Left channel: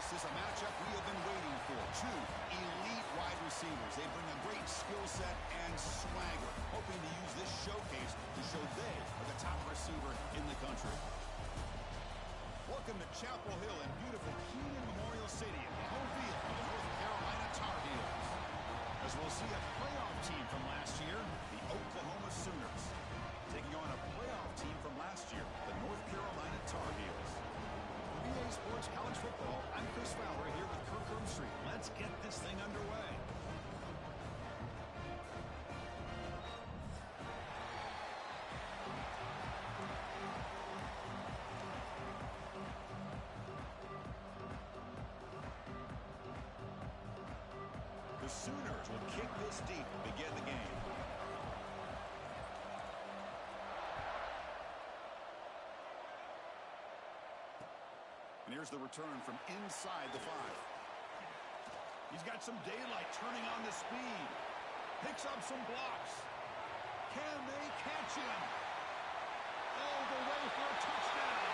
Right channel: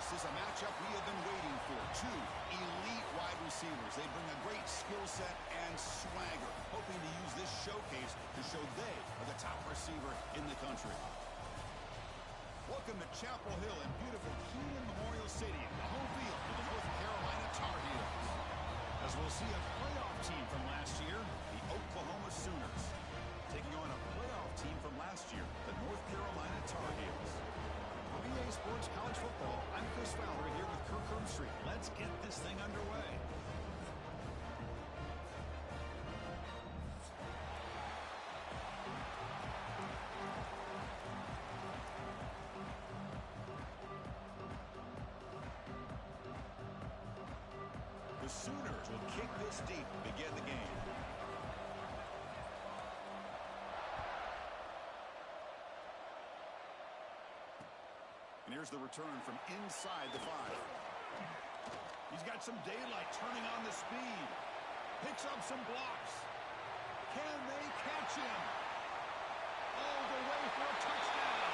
This is a matchup we have been waiting for. Two elite wide receivers. They bring a great skill set and swagger, hoping to use this showcase to show they are the top receiver in the country. Welcome to Chapel Hill in beautiful Kenan Memorial Stadium, the home field for the North Carolina Tar Heels. As we'll see a playoff team from last year, the Oklahoma Sooners, taking on a playoff team from last year, the North Carolina Tar Heels. For BA Sports College Football, I'm Chris Fowler here with Kirk Herbstreit. Let's get this thing underway. The Sooners will kick this deep to begin the game. And here's the return from inside the 5. He's got some daylight turning on the speed. Picks up some blocks. Can they catch him? All the way for a touchdown.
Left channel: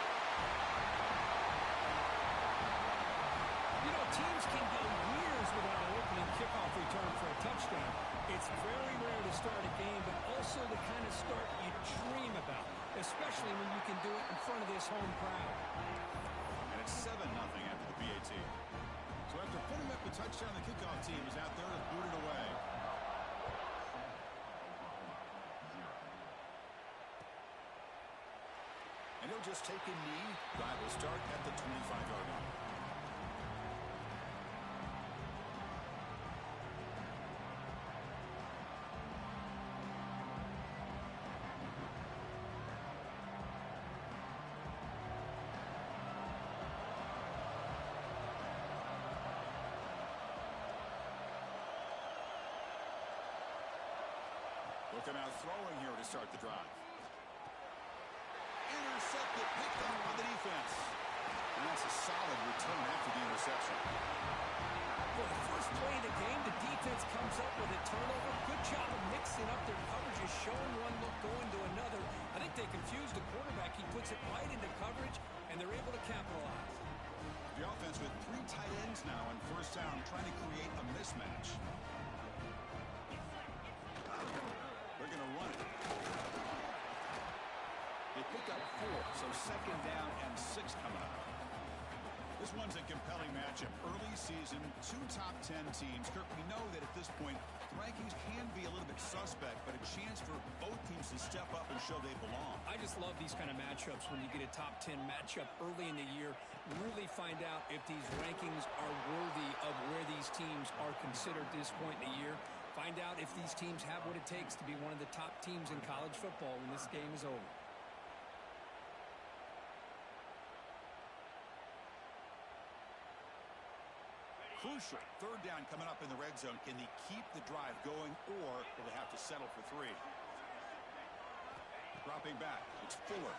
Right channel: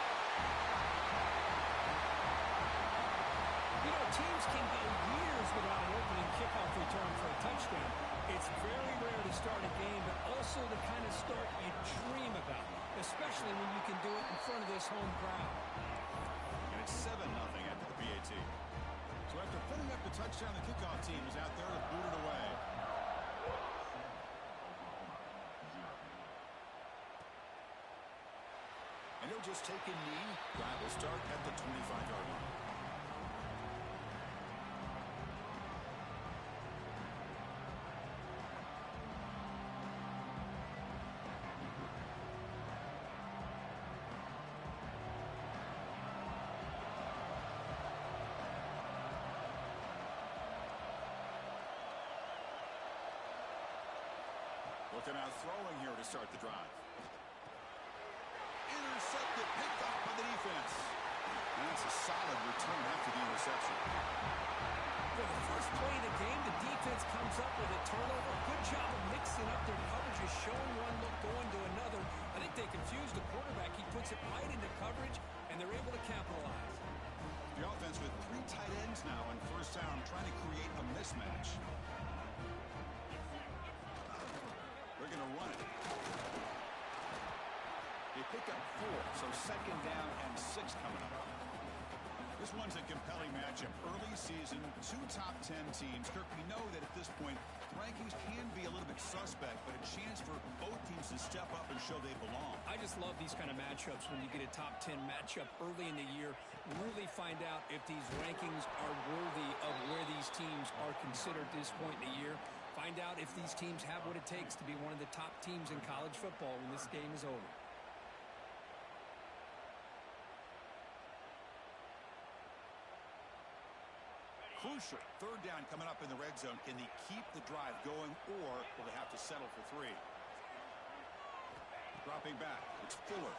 You know, teams can go years without an opening kickoff return for a touchdown. It's very rare to start a game, but also the kind of start you dream about, especially when you can do it in front of this home crowd. And it's 7-0 after the PAT. So after putting up the touchdown, the kickoff team is out there to boot it away. And he'll just take a knee. Drive will start at the 25-yard line. Looking out throwing here to start the drive. Intercepted, picked off by the defense. And that's a solid return after the interception. For the first play of the game, the defense comes up with a turnover. Good job of mixing up their coverages, showing one look, going to another. I think they confused the quarterback. He puts it right into coverage, and they're able to capitalize. The offense with 3 tight ends now on first down, trying to create a mismatch. They're going to run it. They pick up 4, so second down and 6 coming up. This one's a compelling matchup. Early season, 2 top 10 teams. Kirk, we know that at this point, the rankings can be a little bit suspect, but a chance for both teams to step up and show they belong. I just love these kind of matchups when you get a top 10 matchup early in the year. Really find out if these rankings are worthy of where these teams are considered at this point in the year. Find out if these teams have what it takes to be one of the top teams in college football when this game is over. Crucial. Third down coming up in the red zone. Can they keep the drive going, or will they have to settle for 3? Dropping back. It's Fuller.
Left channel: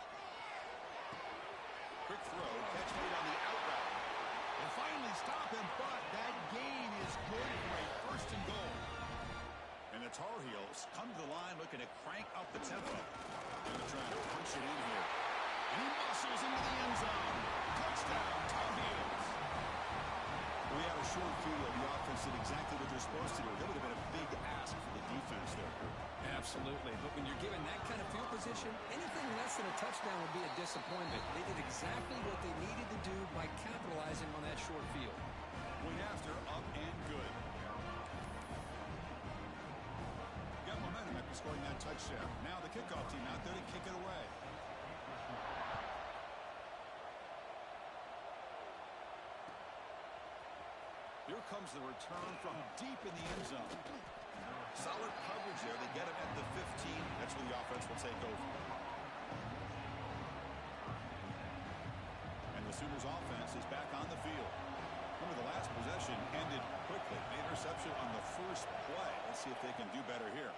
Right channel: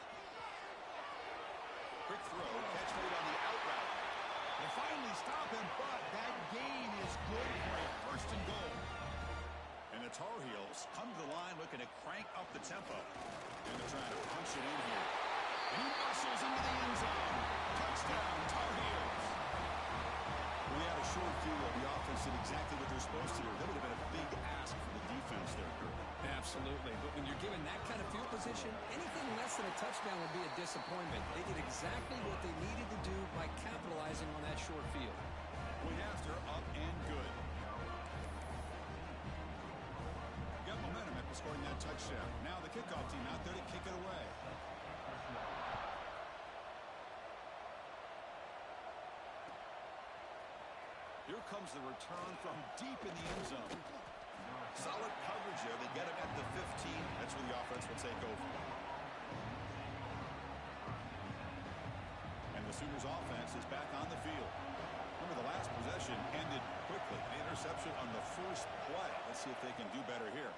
Quick throw. Catch made on the out route. They finally stop him, but that gain is good for a first and goal. And the Tar Heels come to the line looking to crank up the tempo. And they're trying to punch it in here. And he muscles into the end zone. Touchdown, Tar Heels. We had a short field. The offense did exactly what they're supposed to do. That would have been a big ask for the defense there, Kirk. Absolutely. But when you're given that kind of field position, anything less than a touchdown would be a disappointment. They did exactly what they needed to do by capitalizing on that short field. Point after, up and good. Got momentum after scoring that touchdown. Now the kickoff team out there to kick it away. Here comes the return from deep in the end zone. Solid coverage there. They get him at the 15. That's where the offense will take over. And the Sooners offense is back on the field. Remember, the last possession ended quickly. The interception on the first play. Let's see if they can do better here.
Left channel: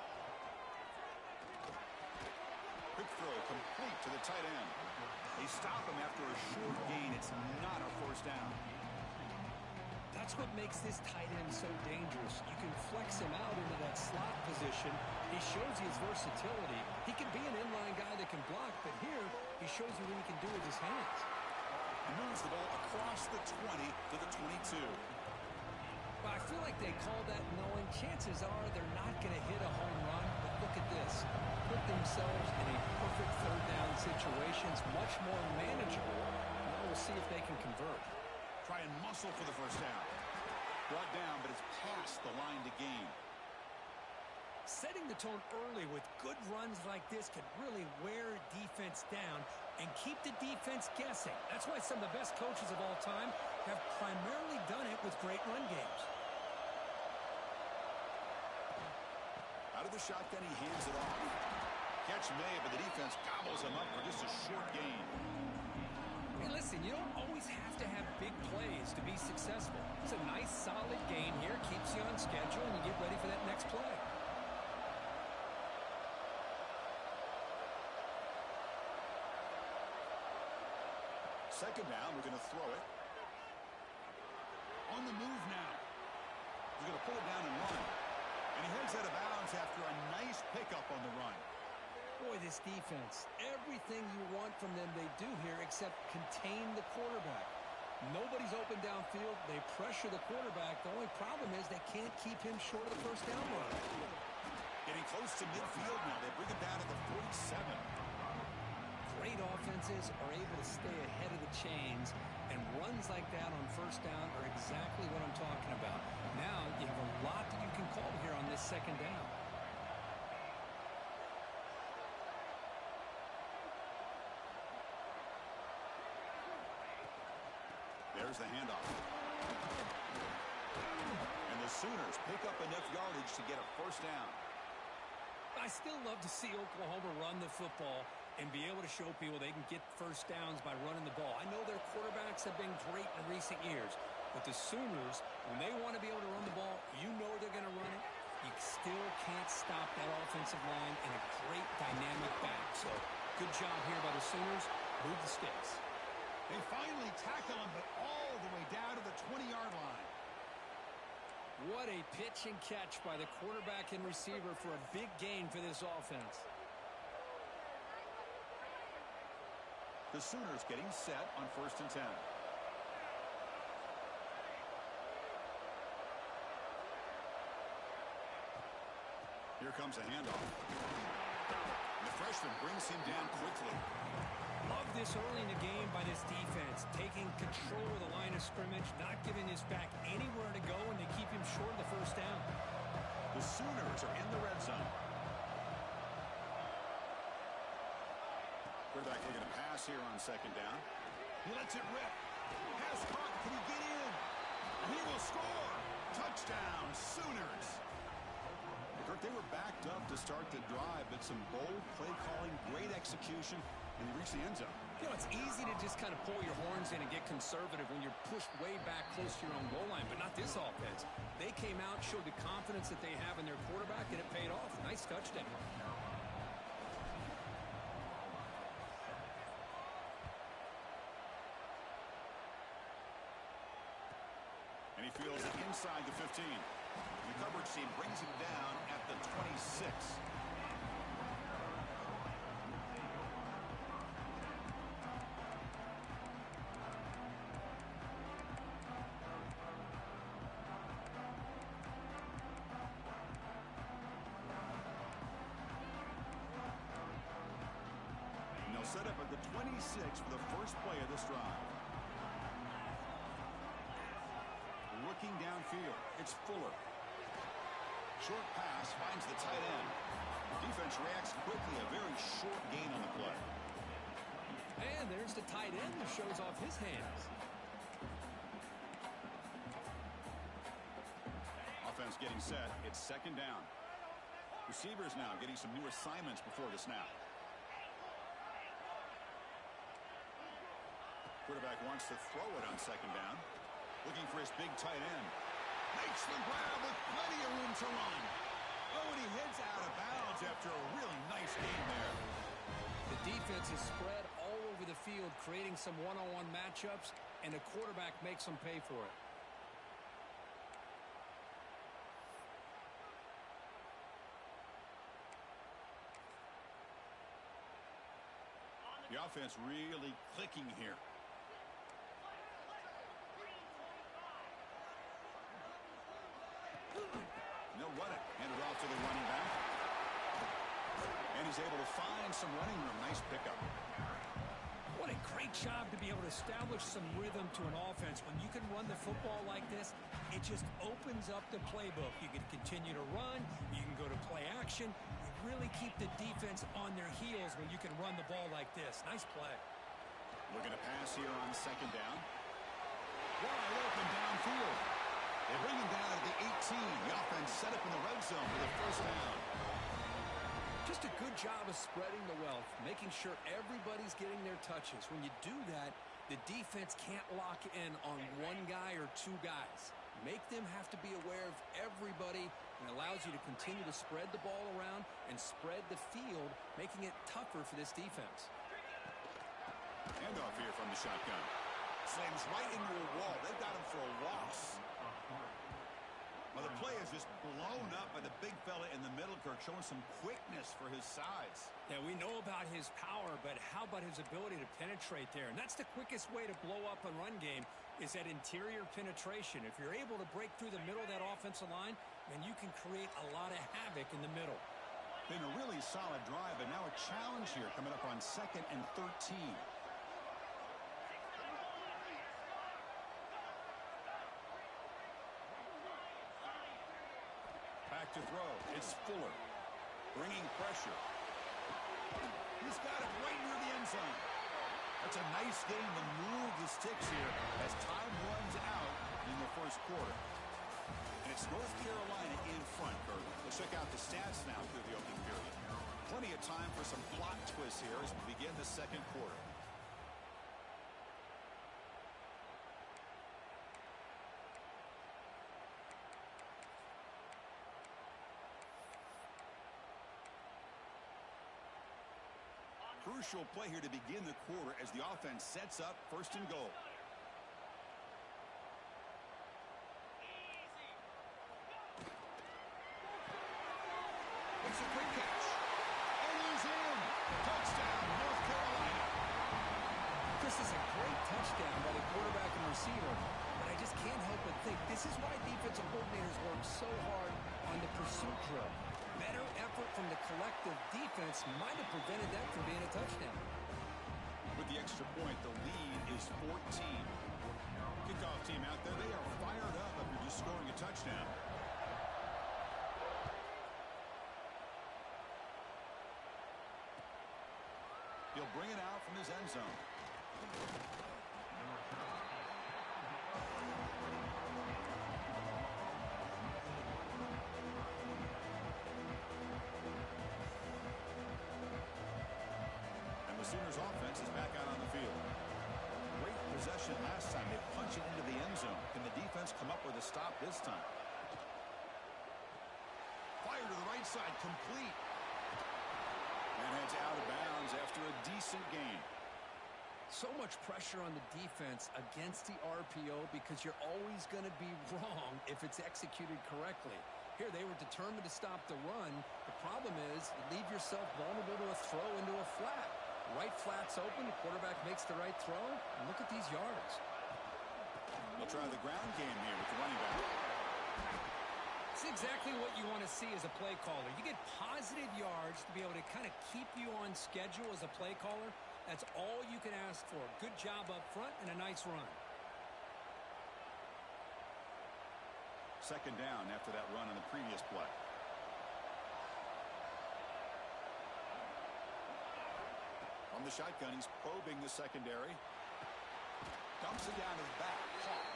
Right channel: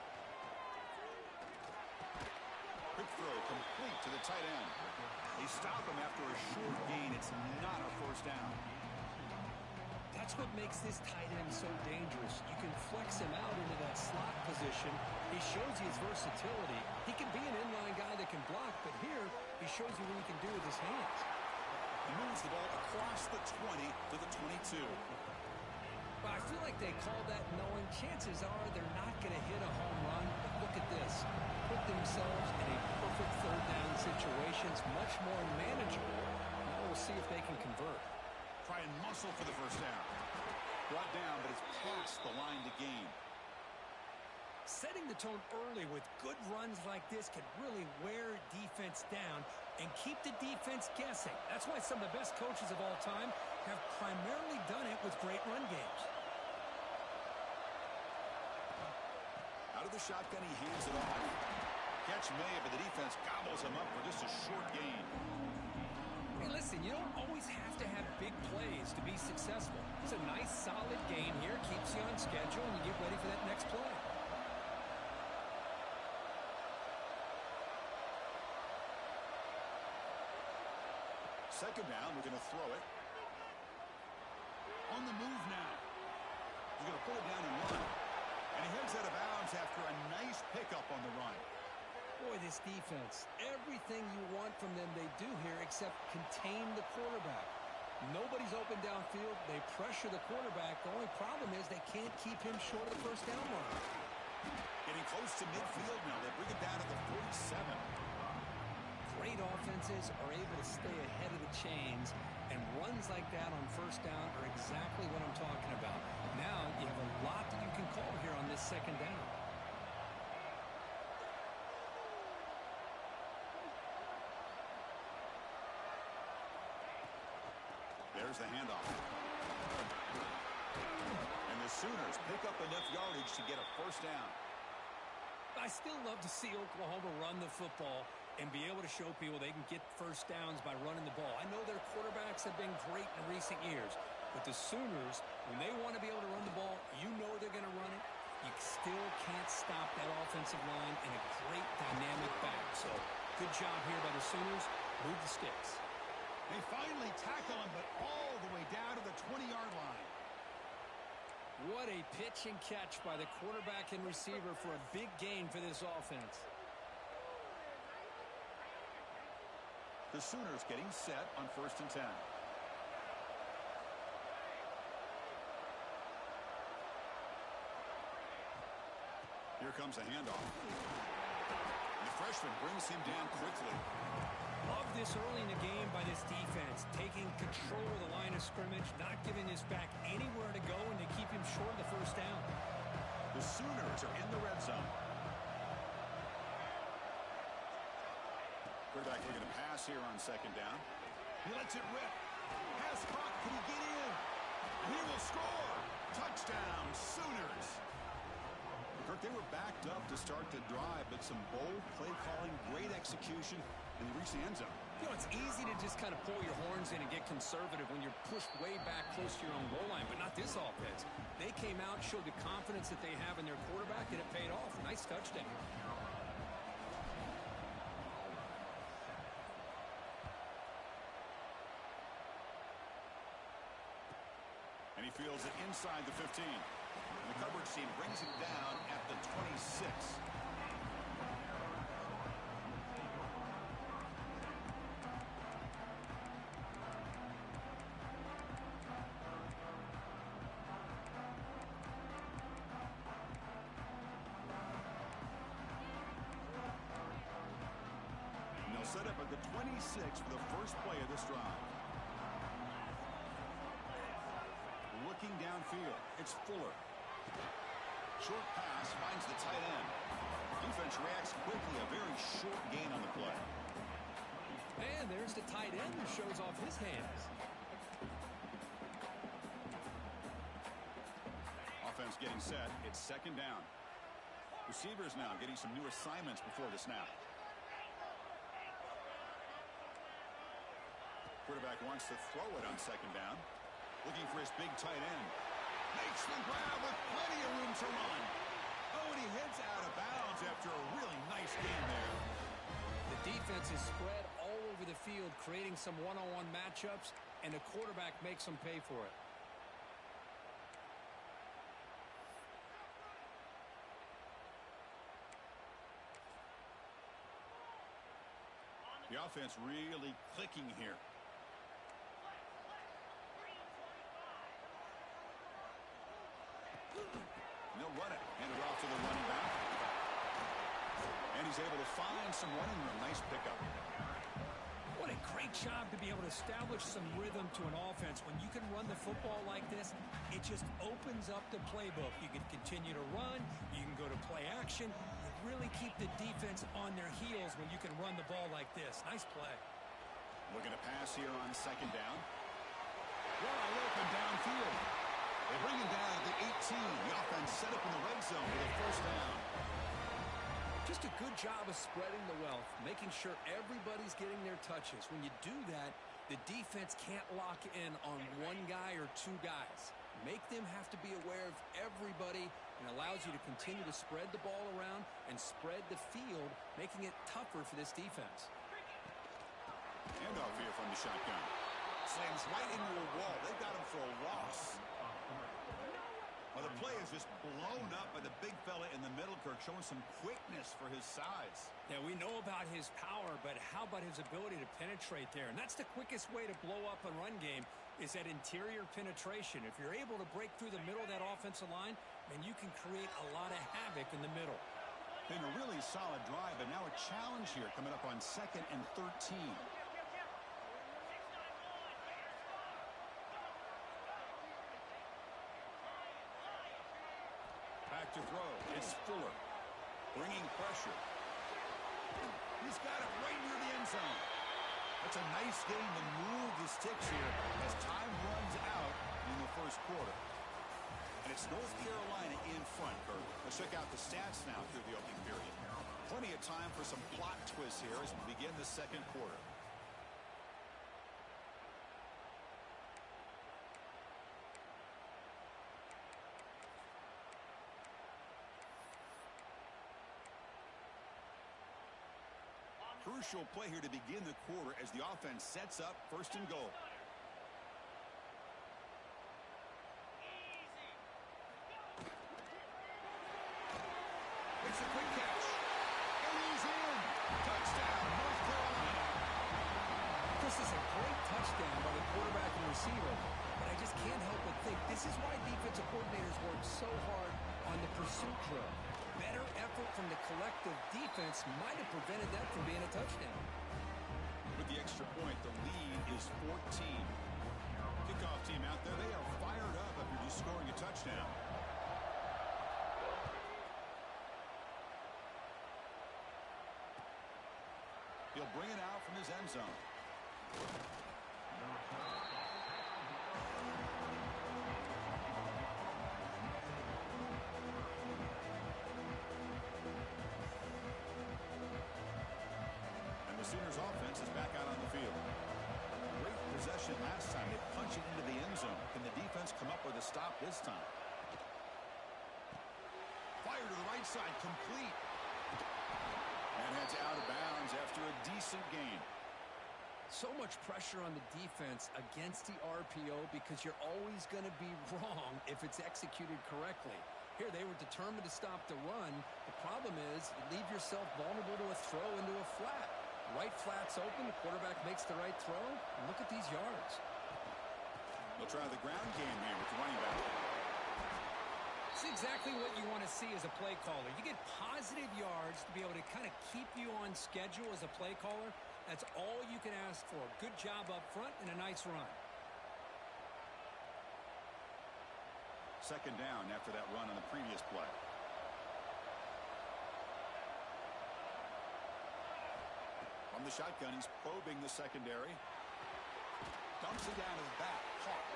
Quick throw complete to the tight end. They stop him after a short gain. It's not a first down. That's what makes this tight end so dangerous. You can flex him out into that slot position. He shows you his versatility. He can be an inline guy that can block, but here he shows you what he can do with his hands. He moves the ball across the 20 to the 22. Well, I feel like they call that knowing chances are they're not going to hit a home run. But look at this. Put themselves in a perfect third down situation. It's much more manageable. Now we'll see if they can convert. Try and muscle for the first down. Brought down, but it's past the line to gain. Setting the tone early with good runs like this can really wear defense down and keep the defense guessing. That's why some of the best coaches of all time have primarily done it with great run games. Out of the shotgun, he hands it off. Catch made, but the defense gobbles him up for just a short gain. Hey, listen, you don't always have to have big plays to be successful. It's a nice, solid gain here. Keeps you on schedule, and you get ready for that next play. Second down, we're going to throw it. On the move now. He's going to pull it down and run. And he heads out of bounds after a nice pickup on the run. Boy, this defense, everything you want from them they do here except contain the quarterback. Nobody's open downfield. They pressure the quarterback. The only problem is they can't keep him short of the first down mark. Getting close to midfield now. They bring him down to the 47. Great offenses are able to stay ahead of the chains, and runs like that on first down are exactly what I'm talking about. Now you have a lot that you can call here on this second down. There's the handoff. And the Sooners pick up enough yardage to get a first down. I still love to see Oklahoma run the football and be able to show people they can get first downs by running the ball. I know their quarterbacks have been great in recent years, but the Sooners, when they want to be able to run the ball, you know they're going to run it. You still can't stop that offensive line and a great dynamic back. So good job here by the Sooners. Move the sticks. They finally tackle him, but all the way down to the 20-yard line. What a pitch and catch by the quarterback and receiver for a big gain for this offense. The Sooners getting set on 1st and 10. Here comes a handoff. The freshman brings him down quickly. Love this early in the game by this defense, taking control of the line of scrimmage, not giving this back anywhere to go, and they keep him short of the first down. The Sooners are in the red zone. Quarterback looking to pass here on second down. He lets it rip. Pass caught. Can he get in? And he will score. Touchdown, Sooners. Kirk, they were backed up to start the drive, but some bold play calling, great execution, and they reached the end zone. You know, it's easy to just kind of pull your horns in and get conservative when you're pushed way back close to your own goal line, but not this offense. They came out, showed the confidence that they have in their quarterback, and it paid off. Nice touchdown. And he fields it inside the 15. The coverage team brings him down at the 26. And they'll set up at the 26 for the first play of this drive. Looking downfield, it's Fuller. Short pass finds the tight end. Defense reacts quickly, a very short gain on the play. And there's the tight end who shows off his hands. Offense getting set, it's second down. Receivers now getting some new assignments before the snap. Quarterback wants to throw it on second down. Looking for his big tight end. Makes the grab with plenty of room to run. Oh, and he heads out of bounds after a really nice game there. The defense is spread all over the field, creating some one-on-one matchups, and the quarterback makes them pay for it. The offense really clicking here. And he's able to find some running room. Nice pickup. What a great job to be able to establish some rhythm to an offense. When you can run the football like this, it just opens up the playbook. You can continue to run. You can go to play action. You really keep the defense on their heels when you can run the ball like this. Nice play. Looking to pass here on second down. Wide open downfield. They bring him down at the 18. The offense set up in the red zone with a first down. Just a good job of spreading the wealth, making sure everybody's getting their touches. When you do that, the defense can't lock in on one guy or two guys. Make them have to be aware of everybody, and allows you to continue to spread the ball around and spread the field, making it tougher for this defense. Handoff here from the shotgun. Slams right into a wall. They've got him for a loss. Well, the play is just blown up by the big fella in the middle, Kirk, showing some quickness for his size. Yeah, we know about his power, but how about his ability to penetrate there? And that's the quickest way to blow up a run game, is that interior penetration. If you're able to break through the middle of that offensive line, then you can create a lot of havoc in the middle. Been a really solid drive, but now a challenge here coming up on 2nd and 13. Back to throw. It's Fuller. Bringing pressure. He's got it right near the end zone. That's a nice game to move the sticks here as time runs out in the first quarter. And it's North Carolina in front, Kirk. Let's check out the stats now through the opening period. Plenty of time for some plot twists here as we begin the second quarter. Crucial play here to begin the quarter as the offense sets up 1st and goal. Makes a quick catch. And he's in. Touchdown, North Carolina. This is a great touchdown by the quarterback and receiver. But I just can't help but think this is why defensive coordinators work so hard on the pursuit drill. Better effort from the collective defense might have prevented that from being a touchdown. With the extra point, the lead is 14. Kickoff team out there, they are fired up after just scoring a touchdown. He'll bring it out from his end zone. Sooners offense is back out on the field. Great possession last time. They punch it into the end zone. Can the defense come up with a stop this time? Fire to the right side, complete. And heads out of bounds after a decent gain. So much pressure on the defense against the RPO because you're always going to be wrong if it's executed correctly. Here, they were determined to stop the run. The problem is you leave yourself vulnerable to a throw into a flat. Right flat's open, the quarterback makes the right throw, and look at these yards. They'll try the ground game here with the running back. It's exactly what you want to see as a play caller. You get positive yards to be able to kind of keep you on schedule as a play caller. That's all you can ask for. Good job up front and a nice run. 2nd down after that run on the previous play. From the shotgun, he's probing the secondary. Dumps it down to the back. Caught.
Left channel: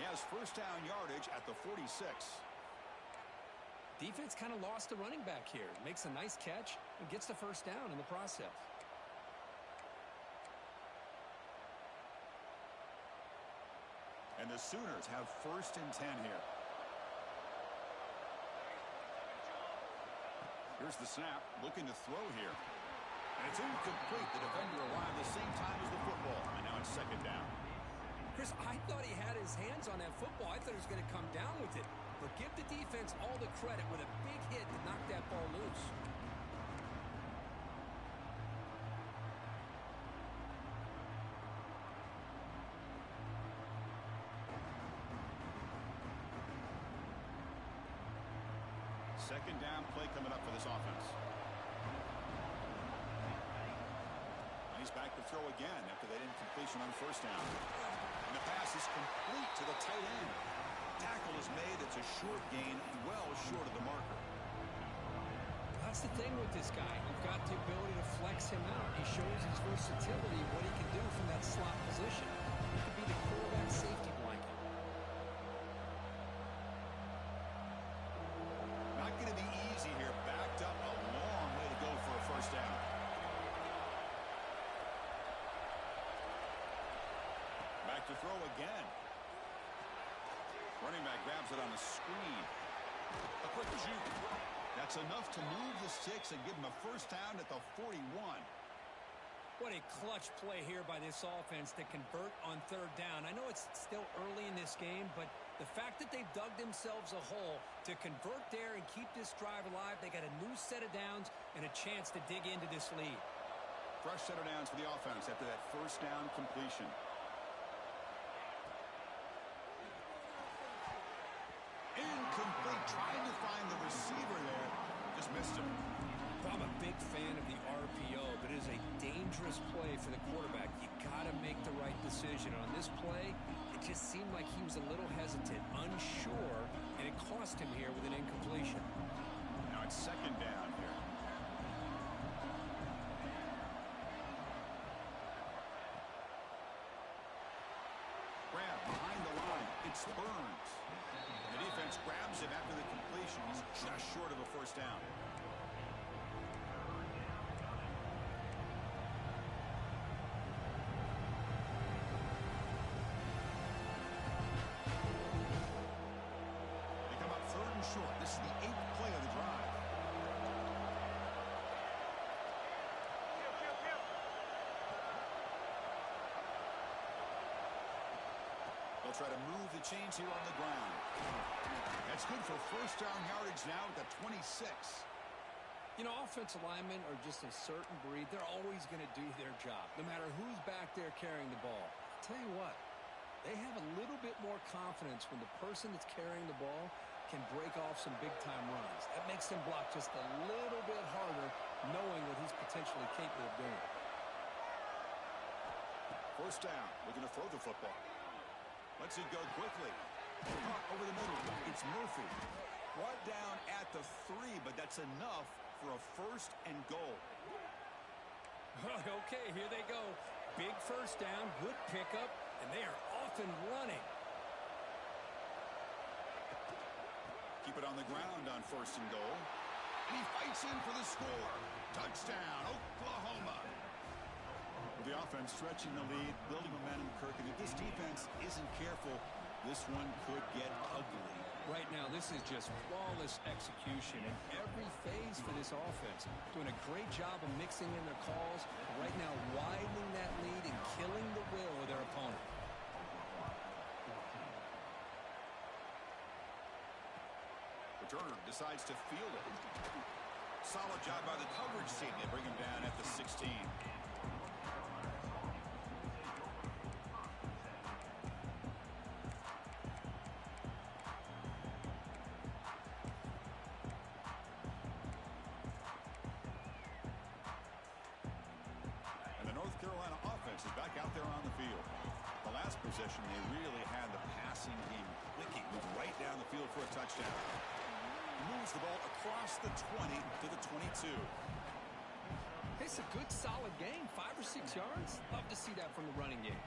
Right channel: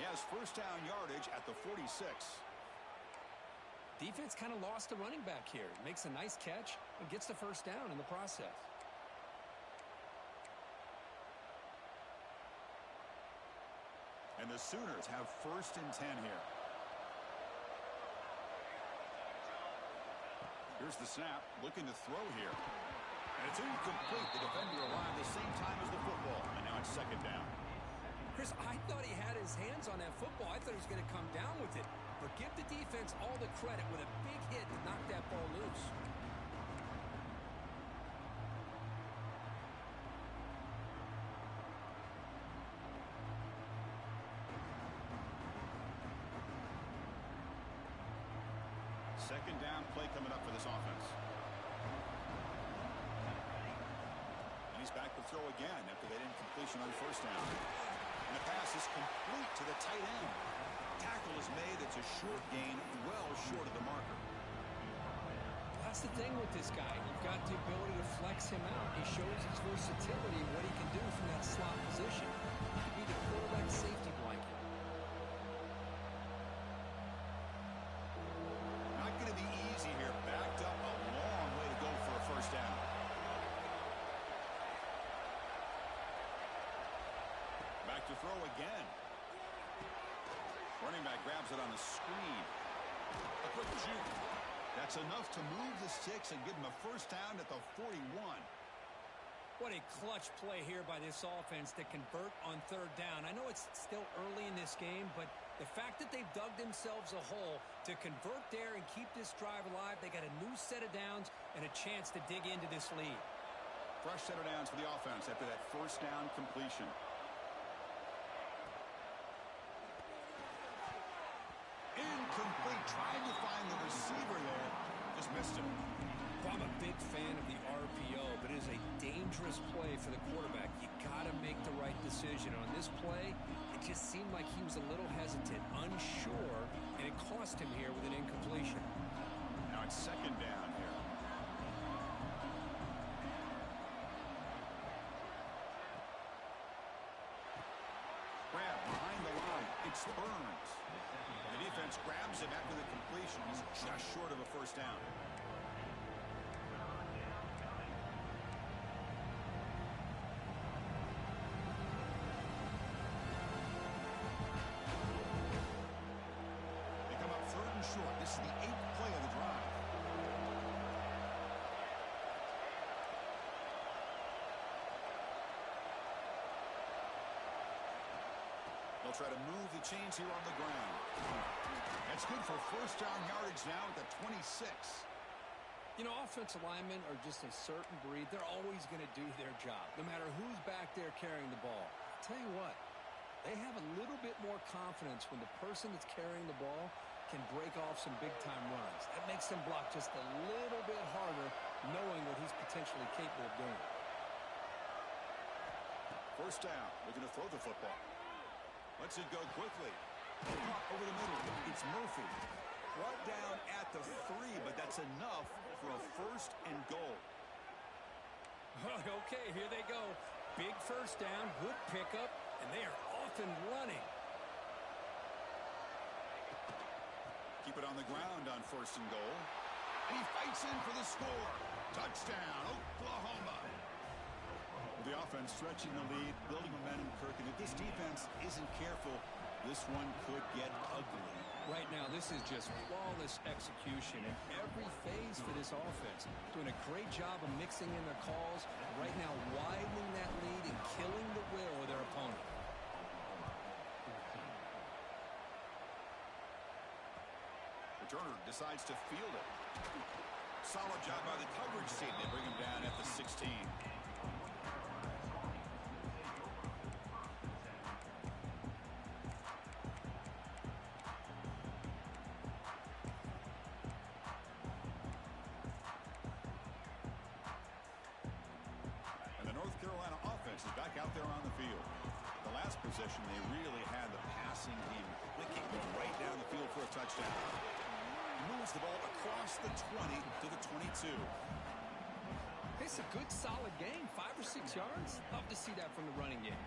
He has first down yardage at the 46. Defense kind of lost the running back here. Makes a nice catch and gets the first down in the process. And the Sooners have 1st and 10 here. Here's the snap. Looking to throw here. And it's incomplete. The defender arrived the same time as the football. And now it's 2nd down. Chris, I thought he had his hands on that football. I thought he was going to come down with it. But give the defense all the credit with a big hit to knock that ball loose. Second down play coming up for this offense. he's back to throw again after that incompletion on first down. And the pass is complete to the tight end. Tackle is made. It's a short gain, well short of the marker. That's the thing with this guy. You've got the ability to flex him out. He shows his versatility, what he can do from that slot position. He could be the quarterback safety blanket. Not going to be easy here. Backed up a long way to go for a first down. Back to throw again. Running back grabs it on the screen. A quick juke. That's enough to move the sticks and give him a first down at the 41. What a clutch play here by this offense to convert on third down. I know it's still early in this game, but the fact that they've dug themselves a hole to convert there and keep this drive alive, they got a new set of downs and a chance to dig into this lead. Fresh set of downs for the offense after that first down completion. Incomplete. Trying to find the receiver there. Just missed him. Well, I'm a big fan of the RPO, but it is a dangerous play for the quarterback. You got to make the right decision. On this play, it just seemed like he was a little hesitant, unsure, and it cost him here with an incompletion. Now it's second down here. Grab behind the line. It's Burns. The defense grabs him after the completion. He's just short of a first down. They come up third and short. This is the 8th play of the drive. They'll try to move the chains here on the ground. That's good for first down yardage now at the 26. You know, offensive linemen are just a certain breed. They're always going to do their job, no matter who's back there carrying the ball. I'll tell you what, they have a little bit more confidence when the person that's carrying the ball can break off some big-time runs. That makes them block just a little bit harder, knowing what he's potentially capable of doing. First down, looking to throw the football. Lets it go quickly. Caught over the middle. It's Murphy. Brought down at the 3, but that's enough for a first and goal. Okay, here they go. Big first down, good pickup, and they are off and running. Keep it on the ground on first and goal. And he fights in for the score. Touchdown, Oklahoma. The offense stretching the lead, building momentum, Kirk. And if this defense isn't careful, this one could get ugly. Right now, this is just flawless execution in every phase for this offense. Doing a great job of mixing in their calls. Right now, widening that lead and killing the will of their opponent. Returner decides to field it. Solid job by the coverage team. They bring him down at the 16. Is back out there on the field. The last possession, they really had the passing game clicking right down the field for a touchdown. He moves the ball across the 20 to the 22. It's a good, solid game. 5 or 6 yards. Love to see that from the running game.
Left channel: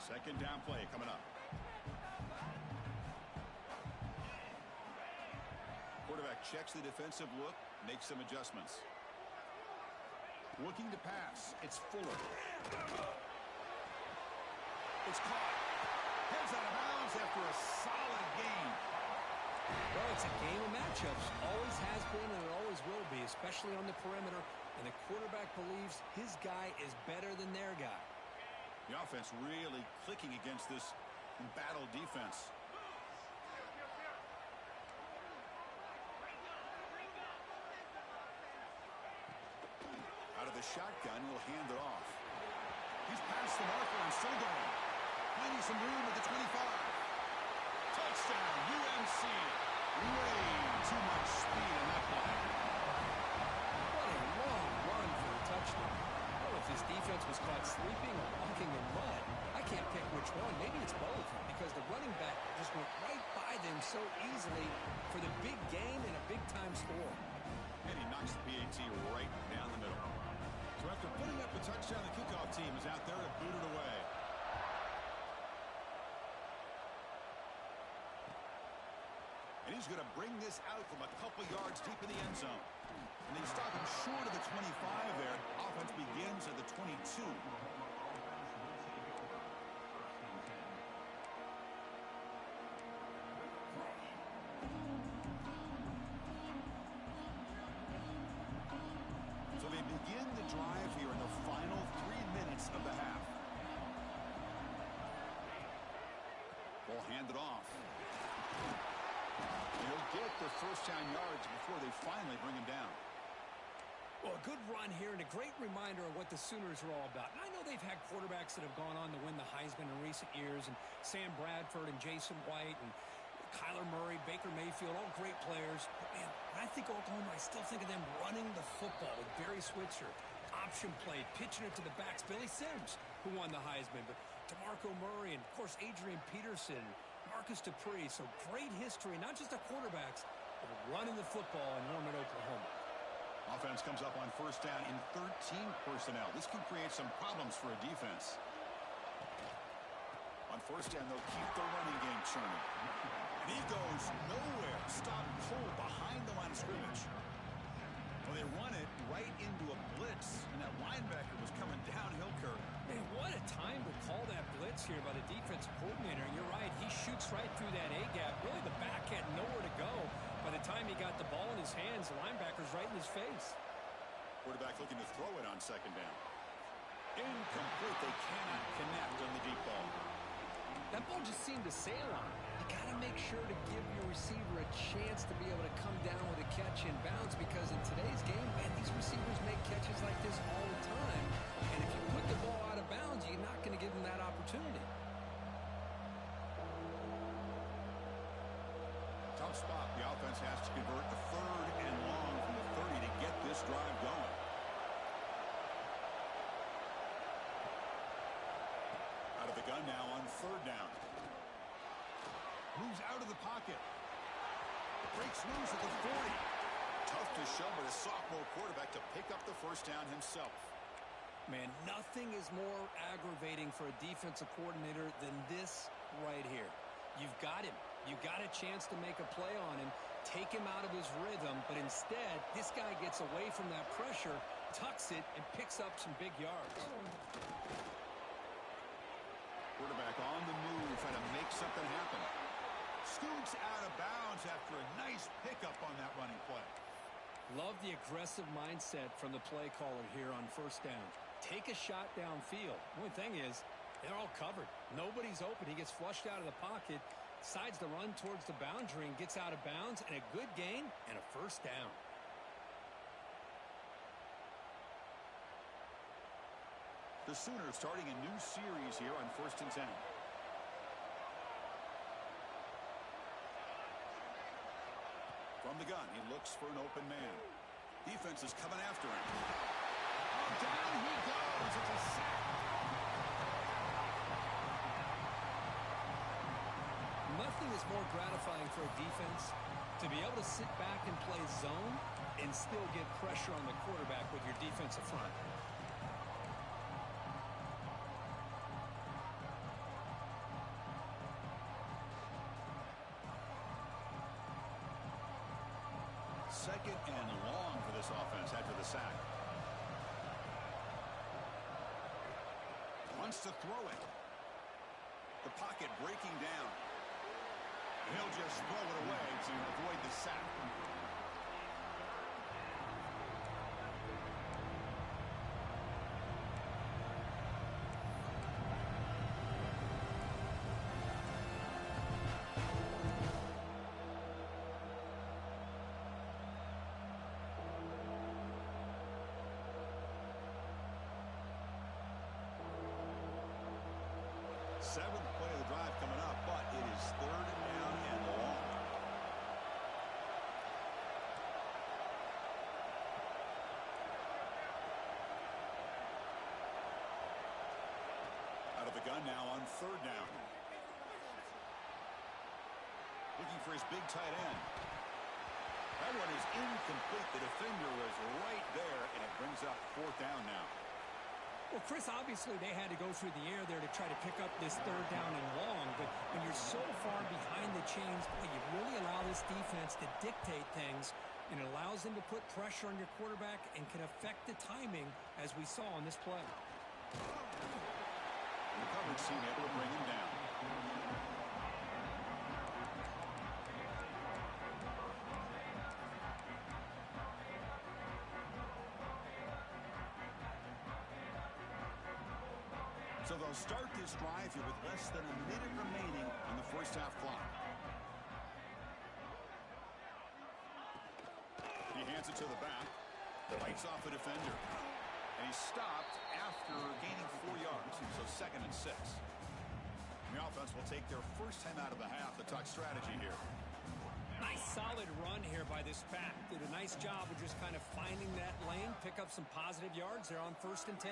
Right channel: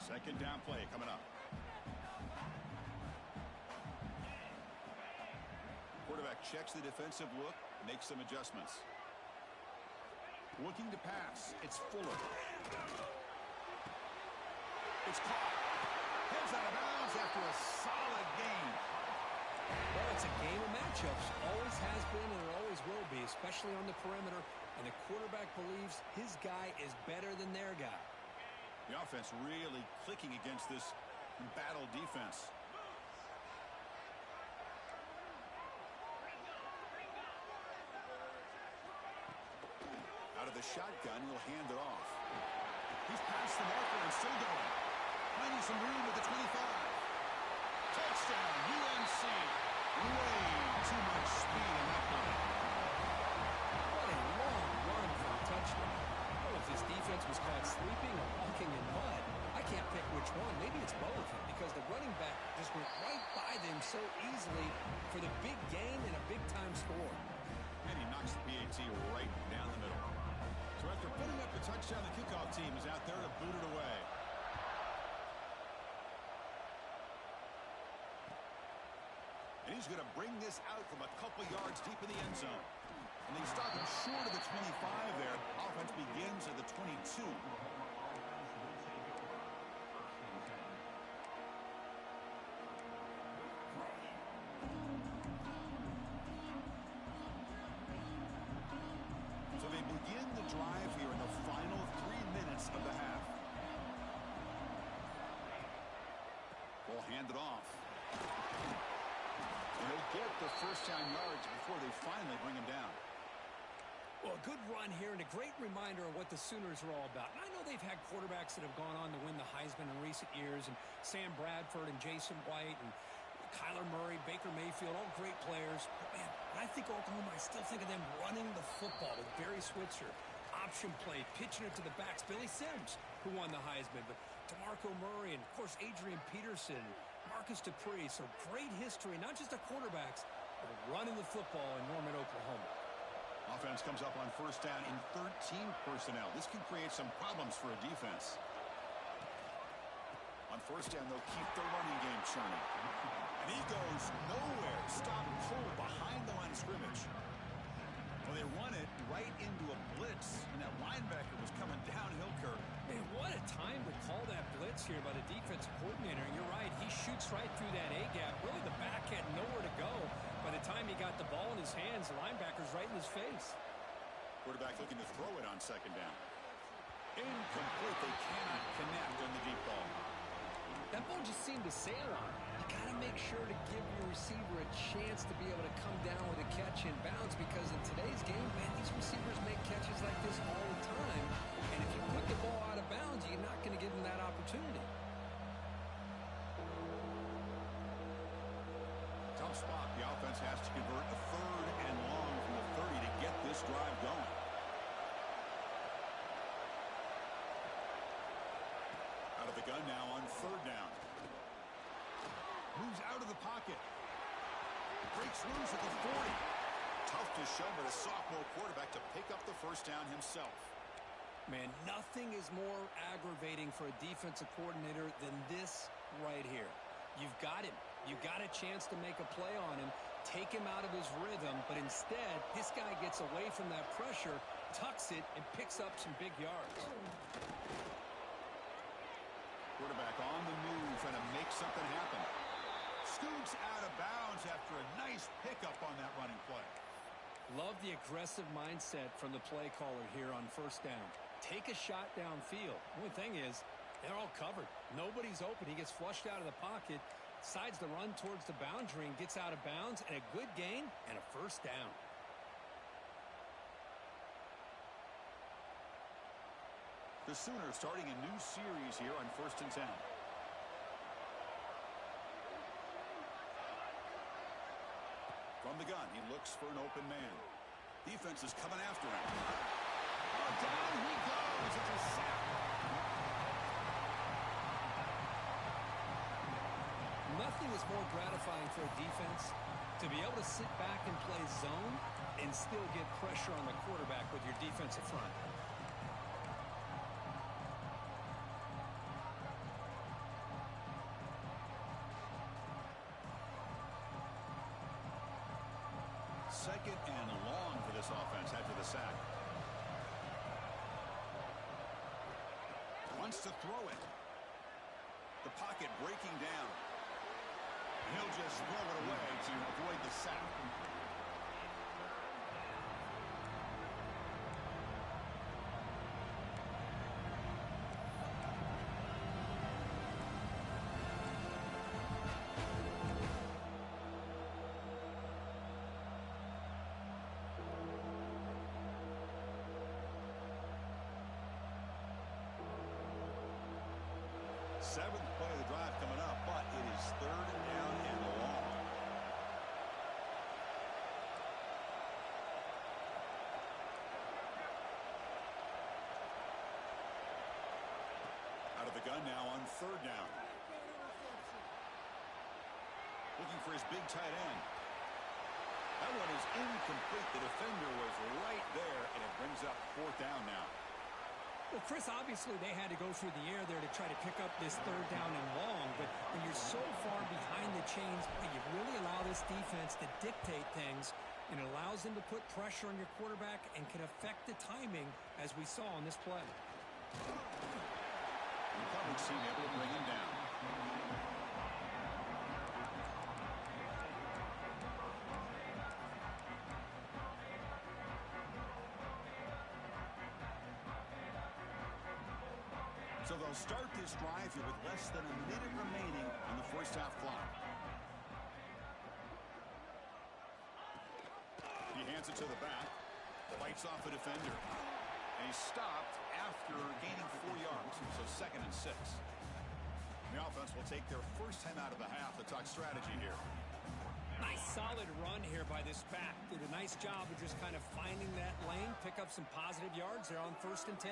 Second down play coming up. Quarterback checks the defensive look, makes some adjustments. Looking to pass. It's Fuller. It's caught. Heads out of bounds after a solid game. Well, it's a game of matchups. Always has been and it always will be, especially on the perimeter. And the quarterback believes his guy is better than their guy. The offense really clicking against this embattled defense. Out of the shotgun, he'll hand it off. He's past the marker and still going. Finding some room at the 25. Touchdown, UNC. Way too much speed in that play. What a long this defense was caught sleeping or walking in mud. I can't pick which one. Maybe it's both because the running back just went right by them so easily for the big gain and a big-time score. And he knocks the PAT right down the middle. So after putting up the touchdown, the kickoff team is out there to boot it away. And he's going to bring this out from a couple yards deep in the end zone. And they stop him short of the 25 there. Offense begins at the 22. So they begin the drive here in the final 3 minutes of the half. Ball handed off. And he'll get the first down yards before they finally bring him down. Well, a good run here and a great reminder of what the Sooners are all about. And I know they've had quarterbacks that have gone on to win the Heisman in recent years, and Sam Bradford and Jason White and Kyler Murray, Baker Mayfield, all great players. But, man, when I think Oklahoma, I still think of them running the football with Barry Switzer. Option play, pitching it to the backs. Billy Sims, who won the Heisman. But DeMarco Murray and, of course, Adrian Peterson, Marcus Dupree. So great history, not just the quarterbacks, but running the football in Norman, Oklahoma. Offense comes up on first down in 13 personnel. This can create some problems for a defense. On first down, they'll keep the running game churning. And he goes nowhere. Stop cold behind the line of scrimmage. Well, they run it right into a blitz, and that linebacker was coming downhill, Kirk. Man, what a time to call that blitz here by the defensive coordinator. And you're right, he shoots right through that A-gap. Really, the back had nowhere to go. By the time he got the ball in his hands, the linebacker's right in his face. Quarterback looking to throw it on second down. Incomplete. They cannot connect on the deep ball. That ball just seemed to sail on him. You got to make sure to give your receiver a chance to be able to come down with a catch in bounds, because in today's game, man, these receivers make catches like this all the time. And if you put the ball out of bounds, you're not going to give them that opportunity. Tough spot. The offense has to convert a third and long from the 30 to get this drive going. Out of the gun now on third down. Moves out of the pocket. Breaks loose at the 40. Tough to show, but a sophomore quarterback to pick up the first down himself. Man, nothing is more aggravating for a defensive coordinator than this right here. You've got him. You got a chance to make a play on him, take him out of his rhythm, but instead, this guy gets away from that pressure, tucks it, and picks up some big yards. Quarterback on the move, trying to make something happen. Scoots out of bounds after a nice pickup on that running play. Love the aggressive mindset from the play caller here on first down. Take a shot downfield. The only thing is, they're all covered. Nobody's open. He gets flushed out of the pocket, decides to run towards the boundary and gets out of bounds, and a good gain and a first down. The Sooners starting a new series here on 1st and 10. From the gun, he looks for an open man. Defense is coming after him. Oh, down he goes. It's a sack. Nothing is more gratifying for a defense to be able to sit back and play zone and still get pressure on the quarterback with your defensive front. Second and long for this offense after the sack. Wants to throw it. The pocket breaking down. He'll just throw it away to avoid the sack. Seventh play of the drive coming up, but it is third down and long. gun now on third down. Looking for his big tight end. That one is incomplete. The defender was right there, and it brings up fourth down now. Well, Chris, obviously they had to go through the air there to try to pick up this third down and long, but when you're so far behind the chains, you really allow this defense to dictate things, and it allows them to put pressure on your quarterback and can affect the timing, as we saw on this play. The coverage team able to bring him down. So they'll start this drive here with less than a minute remaining on the first half clock. He hands it to the back, fights off a defender, and he's stopped after gaining 4 yards, so 2nd and 6. The offense will take their first time out of the half to talk strategy here. Nice solid run here by this back. Did a nice job of just kind of finding that lane, pick up some positive yards there on 1st and 10.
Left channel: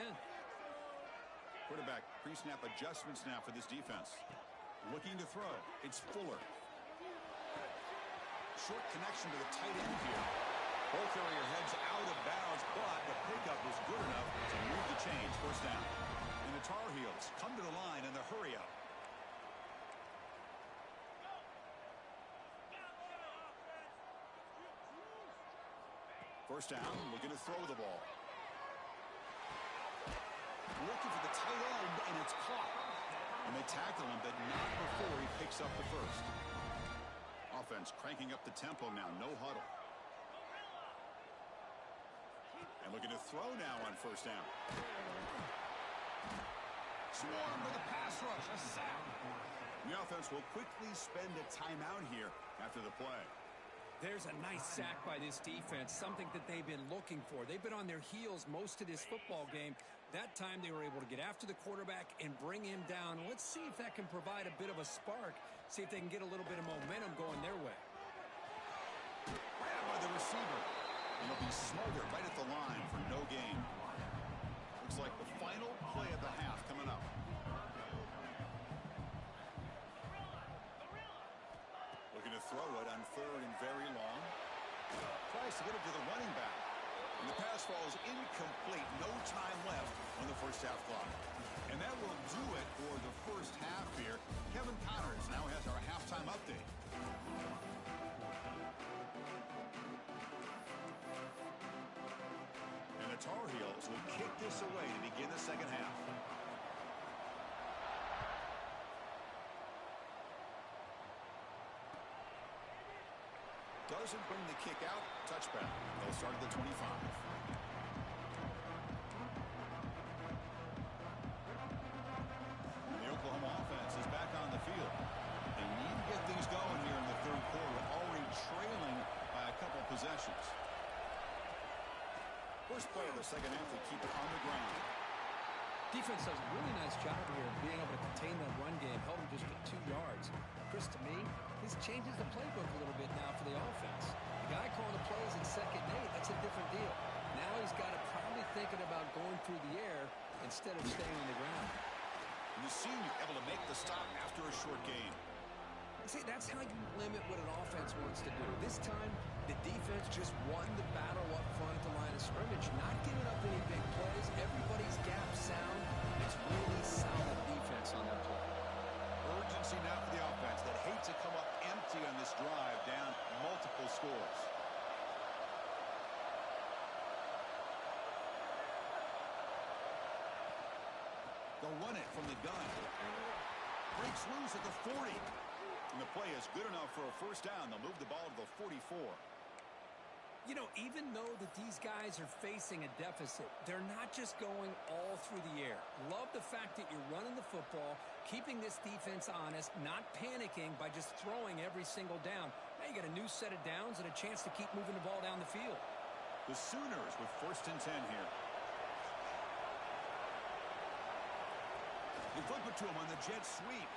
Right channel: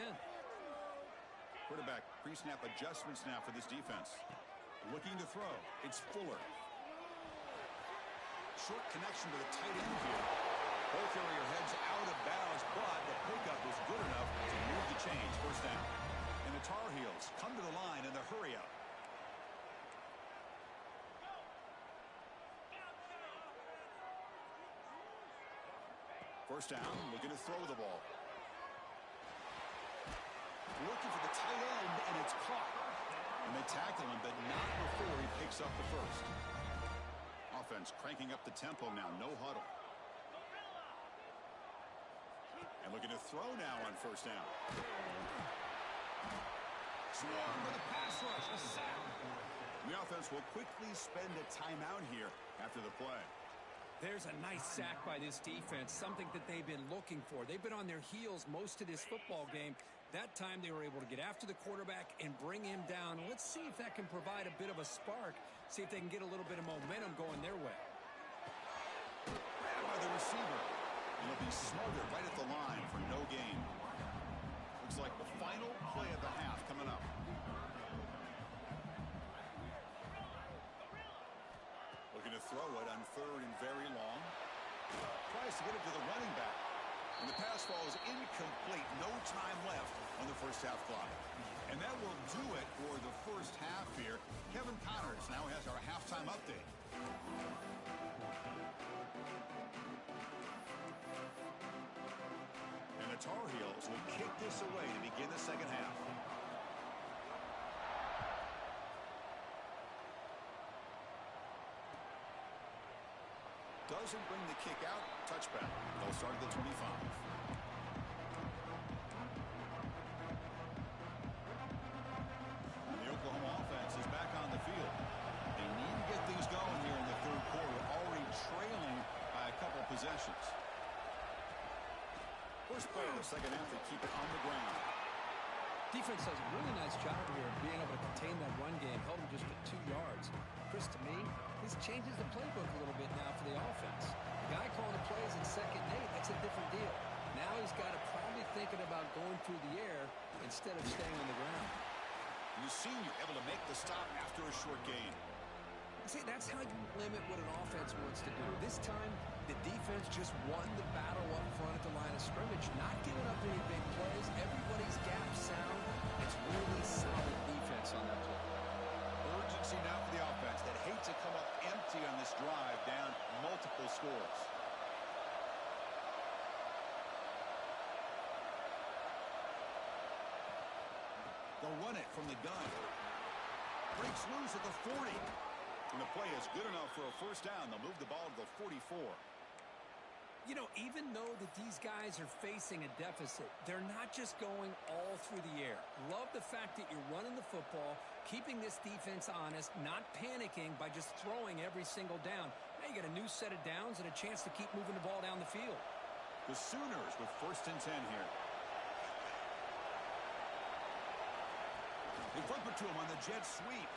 Quarterback pre-snap adjustments now for this defense. Looking to throw. It's Fuller. Short connection to the tight end here. Both area heads out of bounds, but the pickup is good enough to move the chains. First down. And the Tar Heels come to the line in the hurry up. First down, looking to throw the ball. Looking for the tight end, and it's caught. And they tackle him, but not before he picks up the first. Offense cranking up the tempo now, no huddle. And looking to throw now on first down. Swarm with a pass rush, a sack. The offense will quickly spend a timeout here after the play. There's a nice sack by this defense, something that they've been looking for. They've been on their heels most of this football game. That time they were able to get after the quarterback and bring him down. Let's see if that can provide a bit of a spark, see if they can get a little bit of momentum going their way. Grabbed by the receiver. And he'll be smothered right at the line for no gain. Looks like the final play of the half coming up. Looking to throw it on third and very long. Tries to get it to the running back. And the pass falls incomplete. No time left on the first half clock. And that will do it for the first half here. Kevin Connors now has our halftime update. And the Tar Heels will kick this away to begin the second half. Doesn't bring the kick out. Touchback. They'll start at the 25. And the Oklahoma offense is back on the field. They need to get things going here in the third quarter, already trailing by a couple possessions. First play of the second half, they keep it on the ground. Defense does a really nice job here of being able to contain that run game, held him just to 2 yards. Chris, to me, this changes the playbook a little bit now for the offense. The guy calling the plays at 2nd and 8, that's a different deal. Now he's got to probably thinking about going through the air instead of staying on the ground. And the senior able to make the stop after a short gain. See, that's how you limit what an offense wants to do. This time, the defense just won the battle up front at the line of scrimmage, not giving up any big plays. Everybody's gap sound. It's really solid defense on that play. Urgency now for the offense that hate to come up empty on this drive, down multiple scores. They'll run it from the gun. Breaks loose at the 40. And the play is good enough for a first down. They'll move the ball to the 44. You know, even though that these guys are facing a deficit, they're not just going all through the air. Love the fact that you're running the football, keeping this defense honest, not panicking by just throwing every single down. Now you got a new set of downs and a chance to keep moving the ball down the field. The Sooners with 1st and 10 here. They flip it to him on the jet sweep.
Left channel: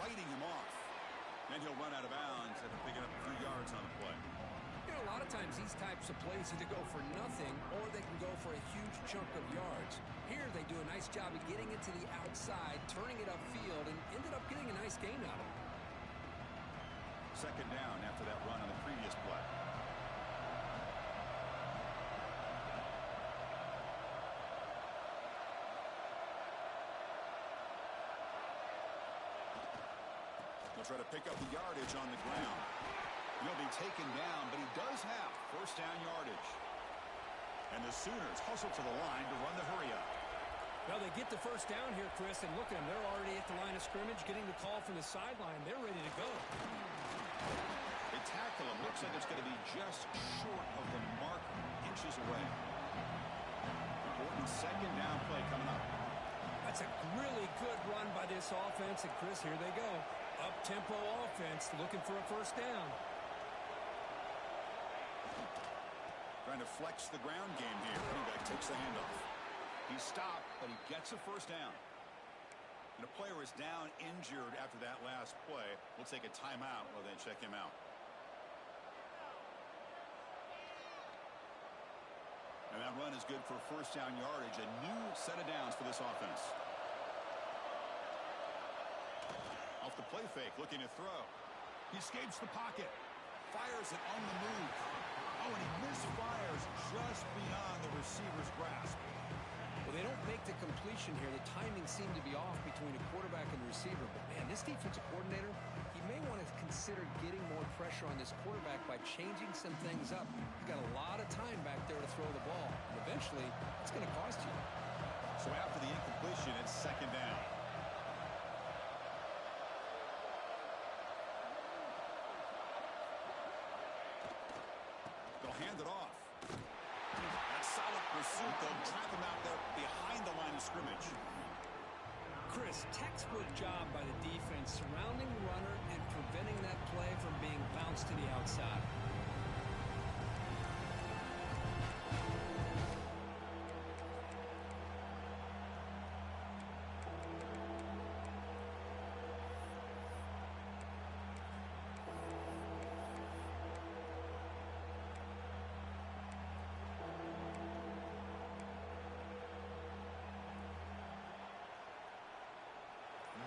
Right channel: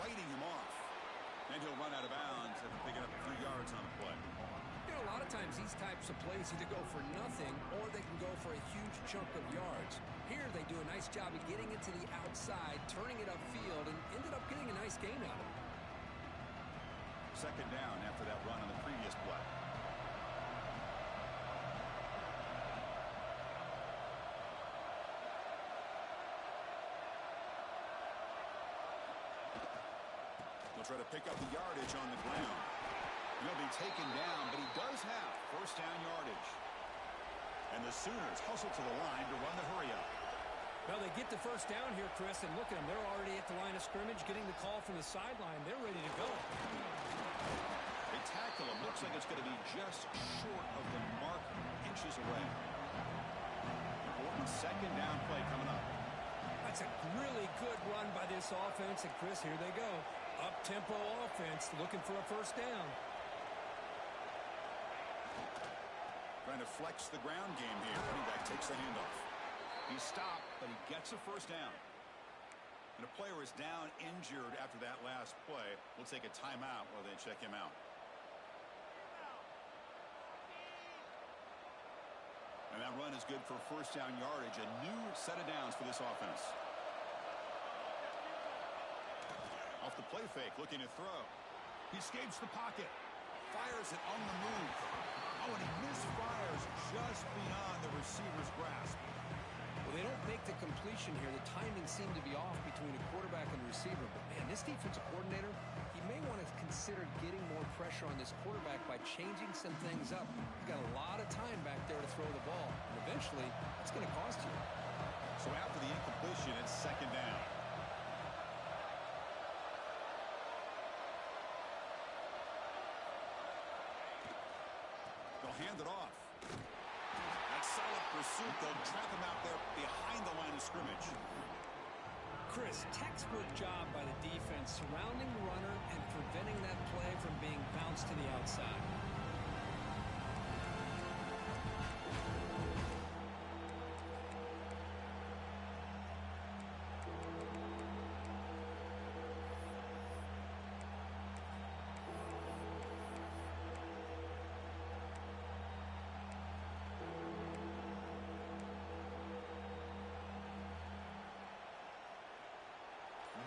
Fighting him off. And he'll run out of bounds after picking up a few yards on the play. You know, a lot of Sometimes these types of plays either go for nothing or they can go for a huge chunk of yards. Here they do a nice job of getting it to the outside, turning it upfield, and ended up getting a nice gain out of it. Second down after that run on the previous play. They'll try to pick up the yardage on the ground. He'll be taken down, but he does have first down yardage. And the Sooners hustle to the line to run the hurry up. Well, they get the first down here, Chris, and look at them. They're already at the line of scrimmage, getting the call from the sideline. They're ready to go. They tackle him. Looks like it's going to be just short of the marker, inches away. Important second down play coming up. That's a really good run by this offense. And, Chris, here they go. Up-tempo offense looking for a first down. Trying to flex the ground game here. Running back takes the handoff. He's stopped, but he gets a first down. And a player is down injured after that last play. We'll take a timeout while they check him out. And that run is good for first down yardage. A new set of downs for this offense. Off the play fake, looking to throw. He escapes the pocket. Fires it on the move. Oh, and he misfires just beyond the receiver's grasp. Well, they don't make the completion here. The timing seemed to be off between a quarterback and the receiver. But, man, this defensive coordinator, he may want to consider getting more pressure on this quarterback by changing some things up. You've got a lot of time back there to throw the ball. And eventually, it's going to cost you. So after the incompletion, it's second down. They'll hand it off. That solid pursuit. They'll trap him out there behind the line of scrimmage. Chris, textbook job by the defense surrounding the runner and preventing that play from being bounced to the outside.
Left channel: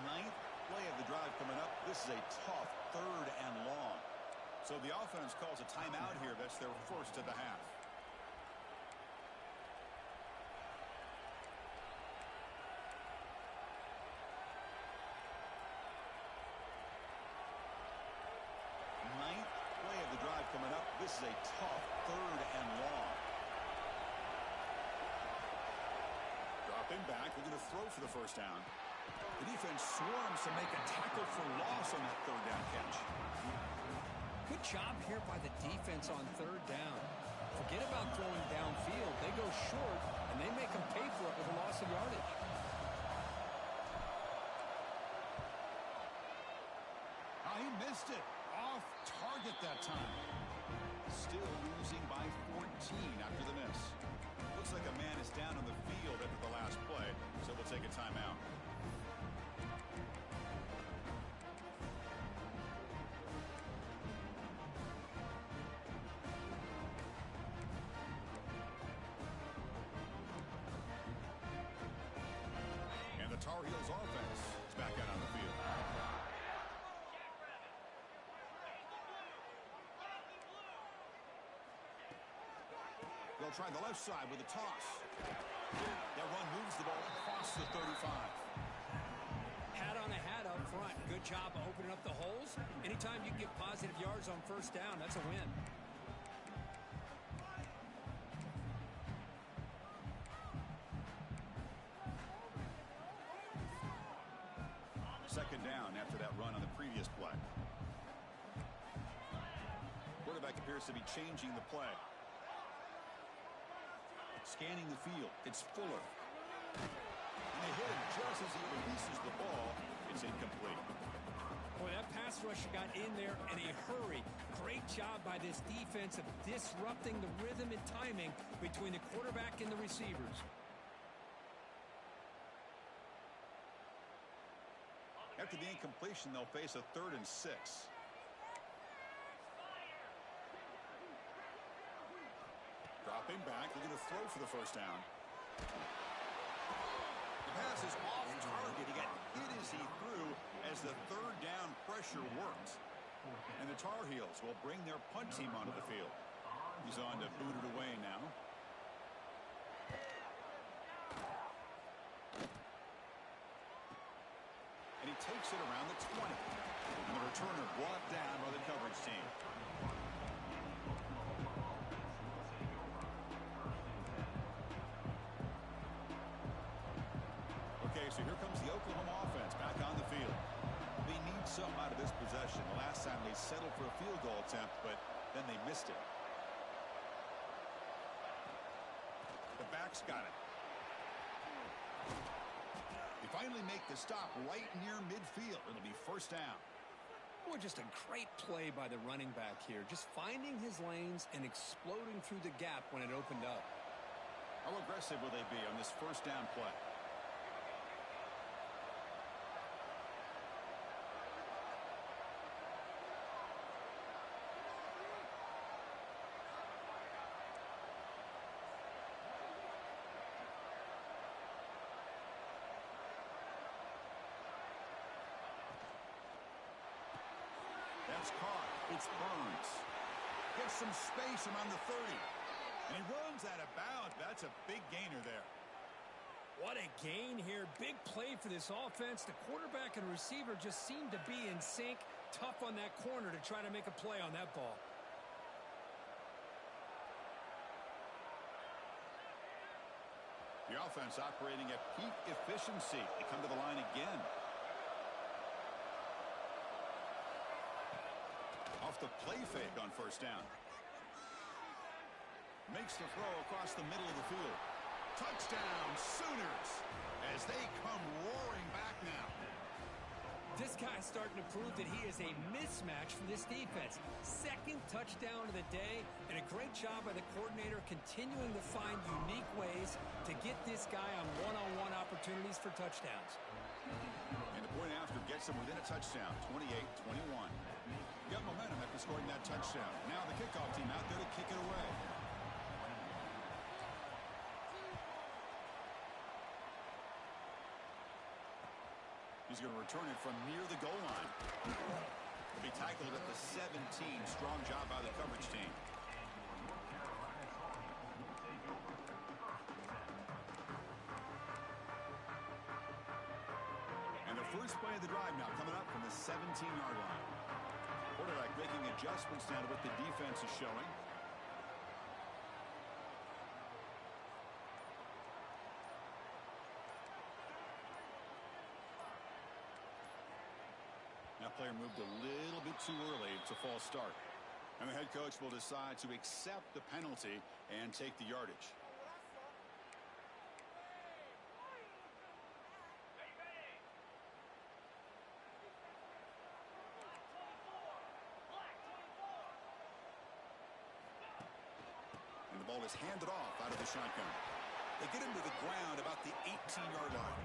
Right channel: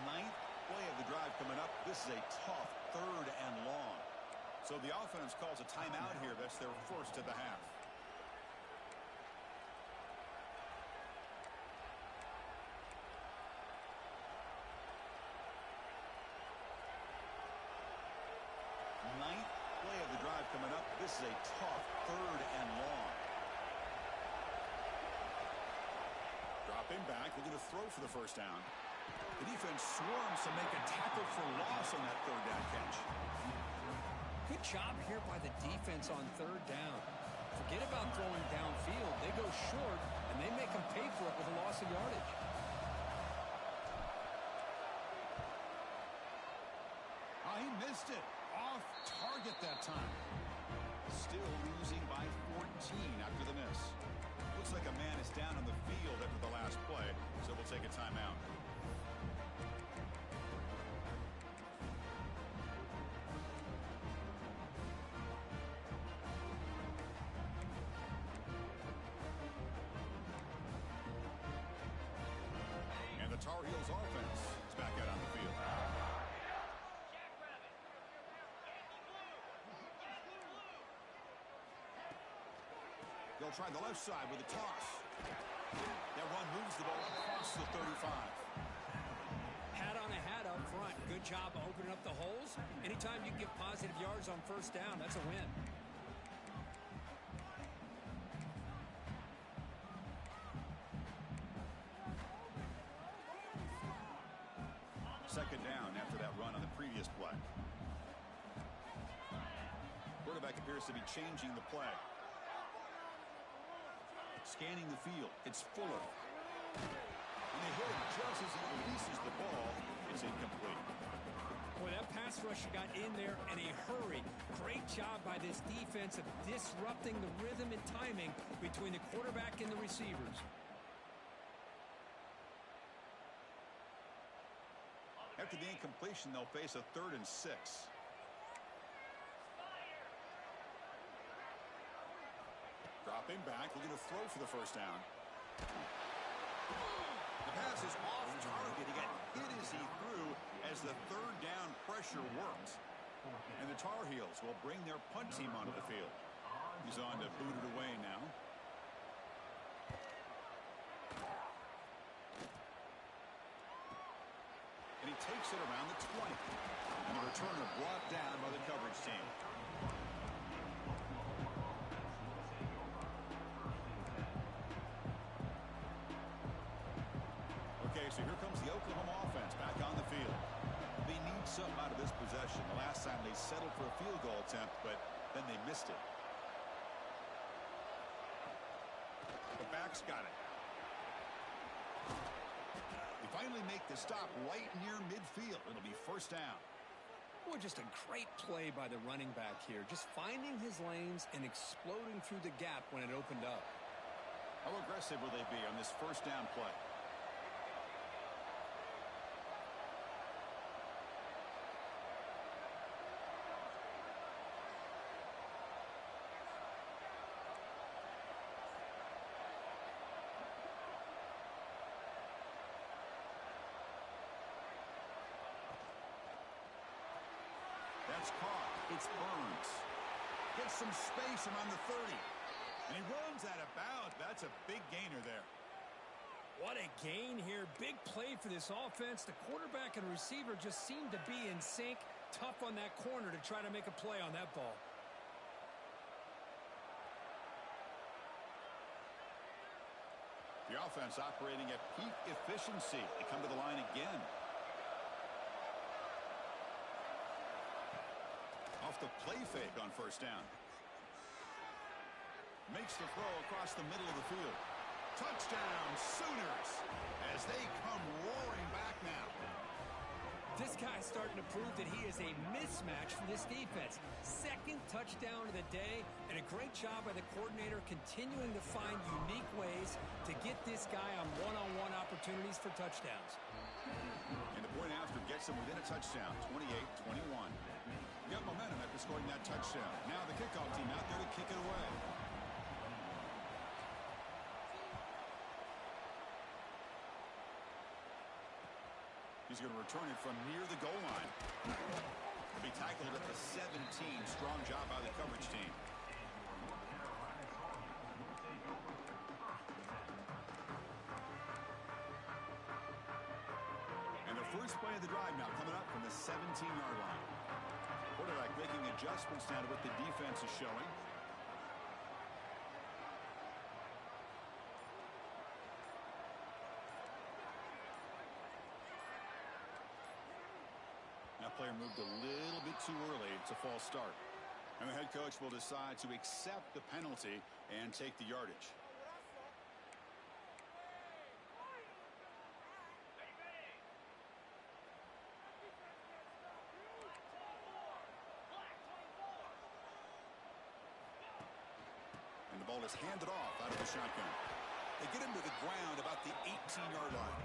Ninth play of the drive coming up. This is a tough third and long. So the offense calls a timeout here. That's their first of the half. Ninth play of the drive coming up. This is a tough third and long. Dropping back, looking to throw for the first down. The defense swarms to make a tackle for loss on that third down catch. Good job here by the defense on third down. Forget about throwing downfield. They go short, and they make them pay for it with a loss of yardage. Oh, he missed it. Off target that time. Still losing by 14 after the miss. Looks like a man is down on the field after the last play, so we'll take a timeout. And the Tar Heels offense is back out on the field. They'll try the left side with a toss. That run moves the ball across the 35. Hat on a hat up front. Good job of opening up the holes. Anytime you get positive yards on first down, that's a win. Second down after that run on the previous play. Quarterback appears to be changing the play. Scanning the field. It's Fuller. And they hit him just as he releases the ball. It's incomplete. Boy, that pass rusher got in there in a hurry. Great job by this defense of disrupting the rhythm and timing between the quarterback and the receivers. After the incompletion, they'll face a 3rd and 6. Dropping back, looking to throw for the first down. The pass is off target. He got hit as he threw as the third down pressure worked. And the Tar Heels will bring their punt team onto the field. He's on to boot it away now. And he takes it around the 20. And the returner brought down by the coverage team. Okay, so here comes the Oklahoma offense back on the field. They need something out of this possession. The last time they settled for a field goal attempt, but then they missed it. The back's got it. They finally make the stop right near midfield. It'll be first down. Boy, just a great play by the running back here. Just finding his lanes and exploding through the gap when it opened up. How aggressive will they be on this first down play? That's caught. It's Burns. Gets some space around the 30. And he runs out of bounds. That's a big gainer there. What a gain here. Big play for this offense. The quarterback and receiver just seem to be in sync. Tough on that corner to try to make a play on that ball. The offense operating at peak efficiency. They come to the line again. Off the play fake on first down. Makes the throw across the middle of the field. Touchdown, Sooners, as they come roaring back now. This guy's starting to prove that he is a mismatch for this defense. Second touchdown of the day, and a great job by the coordinator continuing to find unique ways to get this guy on one-on-one opportunities for touchdowns. And the point after gets him within a touchdown, 28-21. Got momentum after scoring that touchdown. Now the kickoff team out there to kick it away. He's going to return it from near the goal line. He'll be tackled at the 17. Strong job by the coverage team. And the first play of the drive now coming up from the 17-yard line. Quarterback making adjustments now to what the defense is showing. That player moved a little bit too early. It's a false start. And the head coach will decide to accept the penalty and take the yardage. And the ball is handed off out of the shotgun. They get him to the ground about the 18-yard line.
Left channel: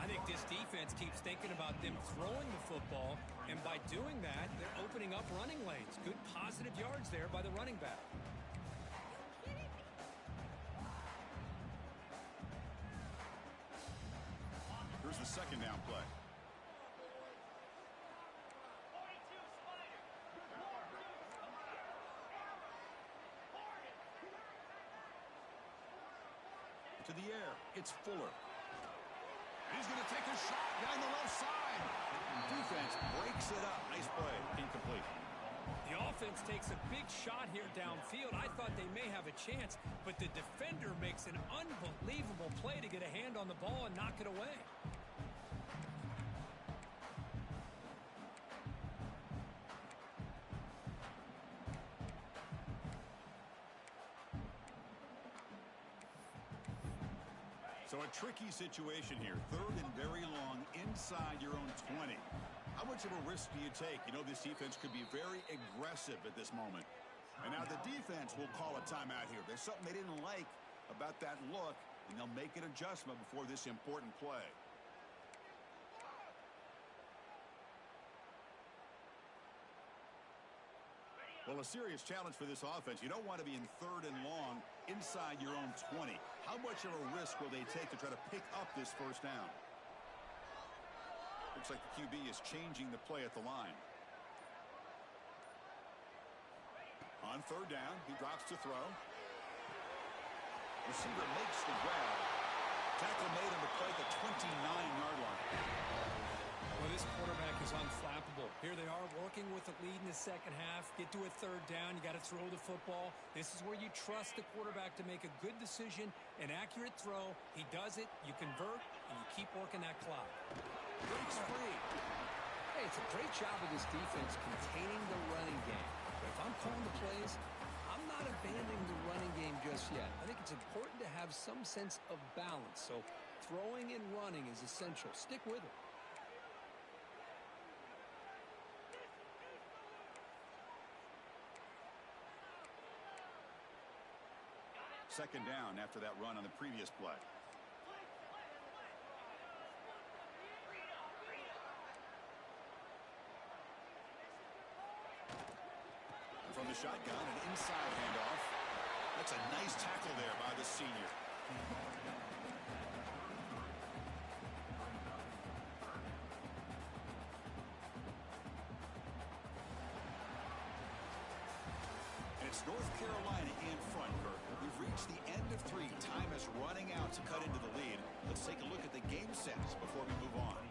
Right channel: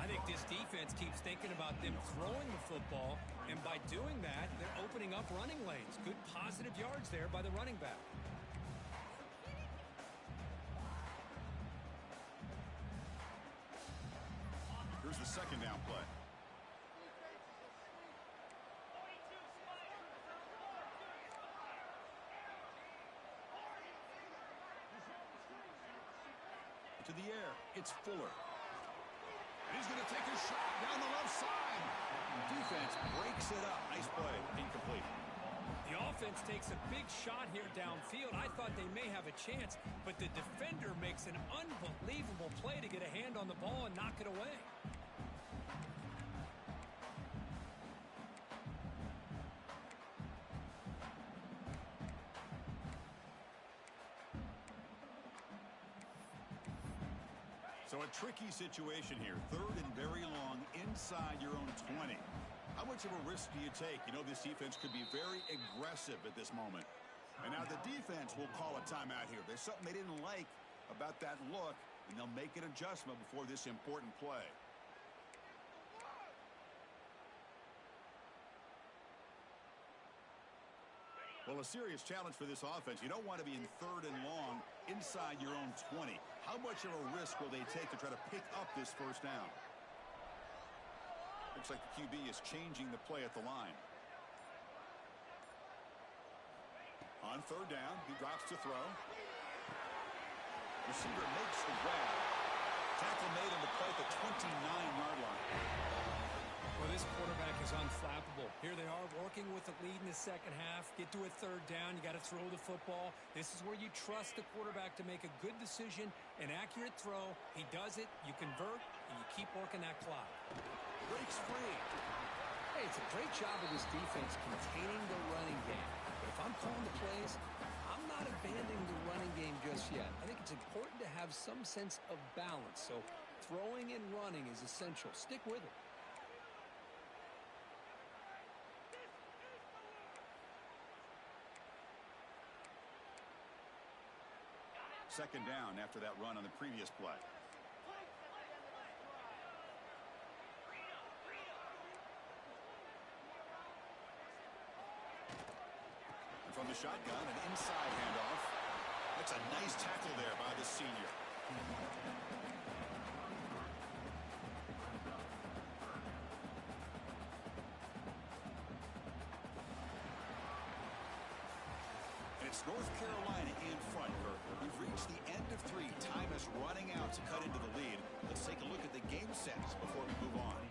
I think this defense keeps thinking about them throwing the football, and by doing that, they're opening up running lanes. Good positive yards there by the running back. Here's the second down play. To the air, it's Fuller. And he's going to take a shot down the left side. Defense breaks it up. Nice play. Incomplete. The offense takes a big shot here downfield. I thought they may have a chance, but the defender makes an unbelievable play to get a hand on the ball and knock it away. So a tricky situation here. Third and very long inside your own 20. How much of a risk do you take? You know, this defense could be very aggressive at this moment. And now the defense will call a timeout here. There's something they didn't like about that look, and they'll make an adjustment before this important play. Well, a serious challenge for this offense. You don't want to be in 3rd and long inside your own 20. How much of a risk will they take to try to pick up this first down? Looks like the QB is changing the play at the line. On 3rd down, he drops to throw. Receiver makes the grab. Tackle made on the play at the 29-yard line. Well, this quarterback is unflappable. Here they are working with the lead in the second half. Get to a 3rd down. You got to throw the football. This is where you trust the quarterback to make a good decision, an accurate throw. He does it. You convert, and you keep working that clock. Breaks free. Hey, it's a great job of this defense containing the running game. But if I'm calling the plays, I'm not abandoning the running game just yet. I think it's important to have some sense of balance. So throwing and running is essential. Stick with it. Second down after that run on the previous play. And from the shotgun, an inside handoff. That's a nice tackle there by the senior. It's North Carolina in front, Kirk. We've reached the end of 3. Time is running out to cut into the lead. Let's take a look at the game sets before we move on.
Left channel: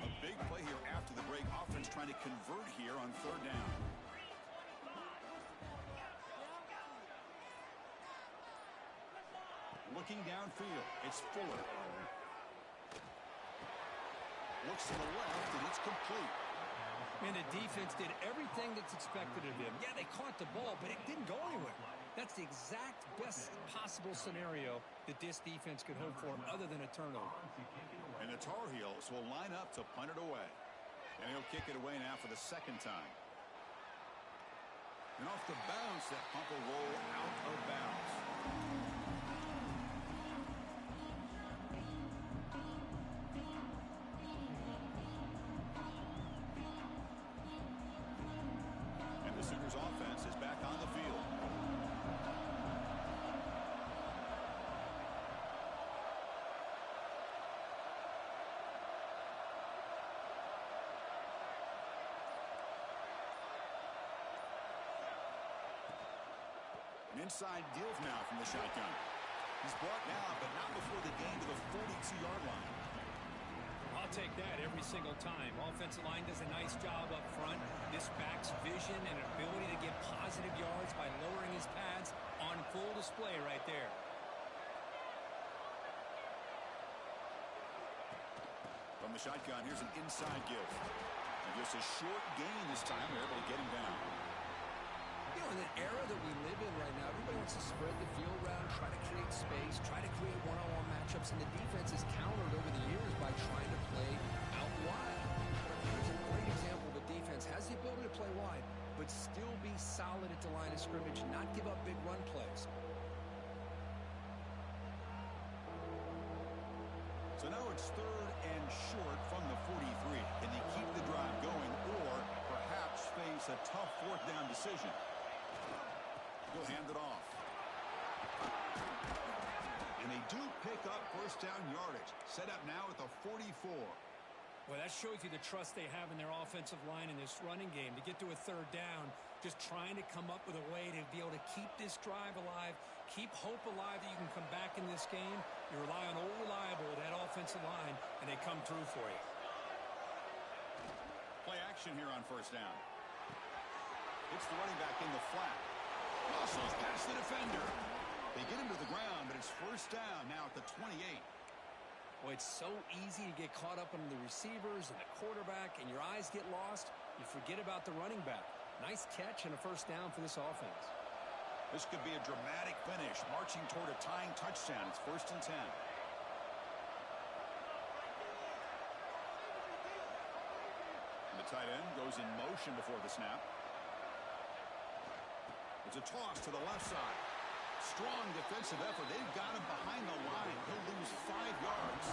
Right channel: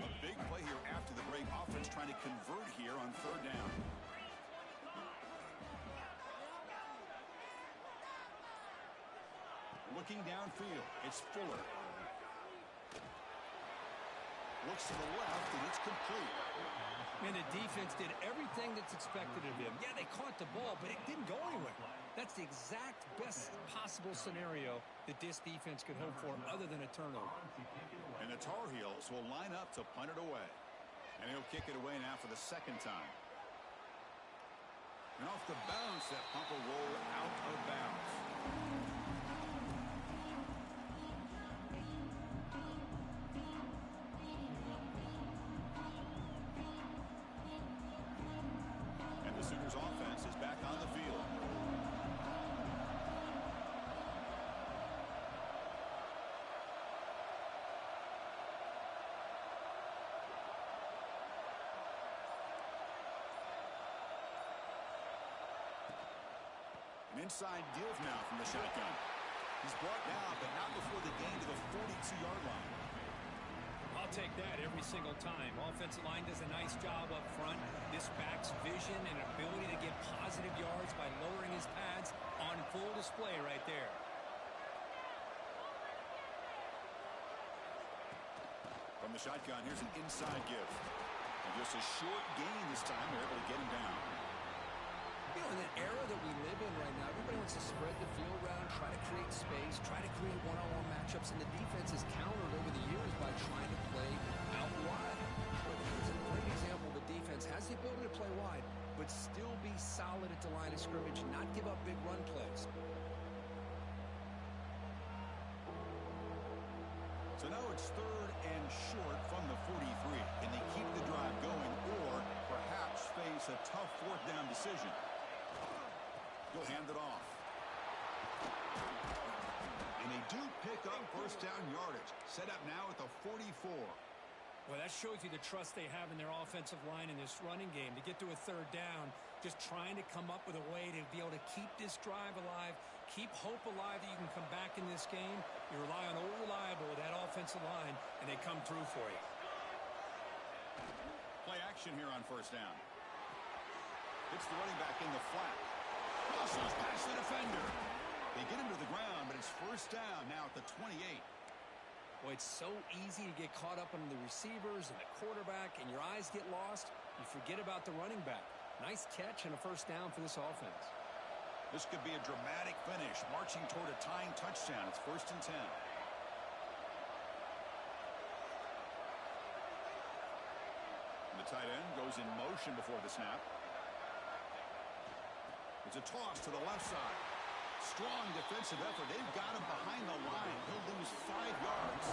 A big play here after the break. Offense trying to convert here on 3rd down. Looking downfield, it's Fuller. Looks to the left, and it's complete. Man, the defense did everything that's expected of him. Yeah, they caught the ball, but it didn't go anywhere. That's the exact best possible scenario that this defense could hope for other than a turnover. And the Tar Heels will line up to punt it away. And he'll kick it away now for the 2nd time. And off the bounce, that punt will roll out of bounds. Offense is back on the field. An inside give now from the shotgun. He's brought down, but not before the gain to the 42-yard line. I'll take that every single time. Offensive line does a nice job up front. This back's vision and ability to get positive yards by lowering his pads on full display right there. From the shotgun, here's an inside give. And just a short gain this time. They're able to get him down. You know, in the era that we live in right now, everybody wants to spread the field around, try to create space, try to create one-on-one matchups, and the defense is countered over the years by trying to play out wide. But here's a great example. The defense has the ability to play wide, but still be solid at the line of scrimmage, not give up big run plays. So now it's 3rd and short from the 43. Can they keep the drive going or perhaps face a tough 4th down decision? He'll hand it off. And they do pick up 1st down yardage. Set up now at the 44. Well, that shows you the trust they have in their offensive line in this running game. To get to a 3rd down, just trying to come up with a way to be able to keep this drive alive, keep hope alive that you can come back in this game. You rely on old reliable with that offensive line, and they come through for you. Play action here on 1st down. It's the running back in the flat. Muscles past the defender. They get him to the ground, but it's 1st down now at the 28. Well, it's so easy to get caught up on the receivers and the quarterback, and your eyes get lost. You forget about the running back. Nice catch and a 1st down for this offense. This could be a dramatic finish, marching toward a tying touchdown. It's 1st and 10. The tight end goes in motion before the snap. It's a toss to the left side. Strong defensive effort. They've got him behind the line. He'll lose 5 yards.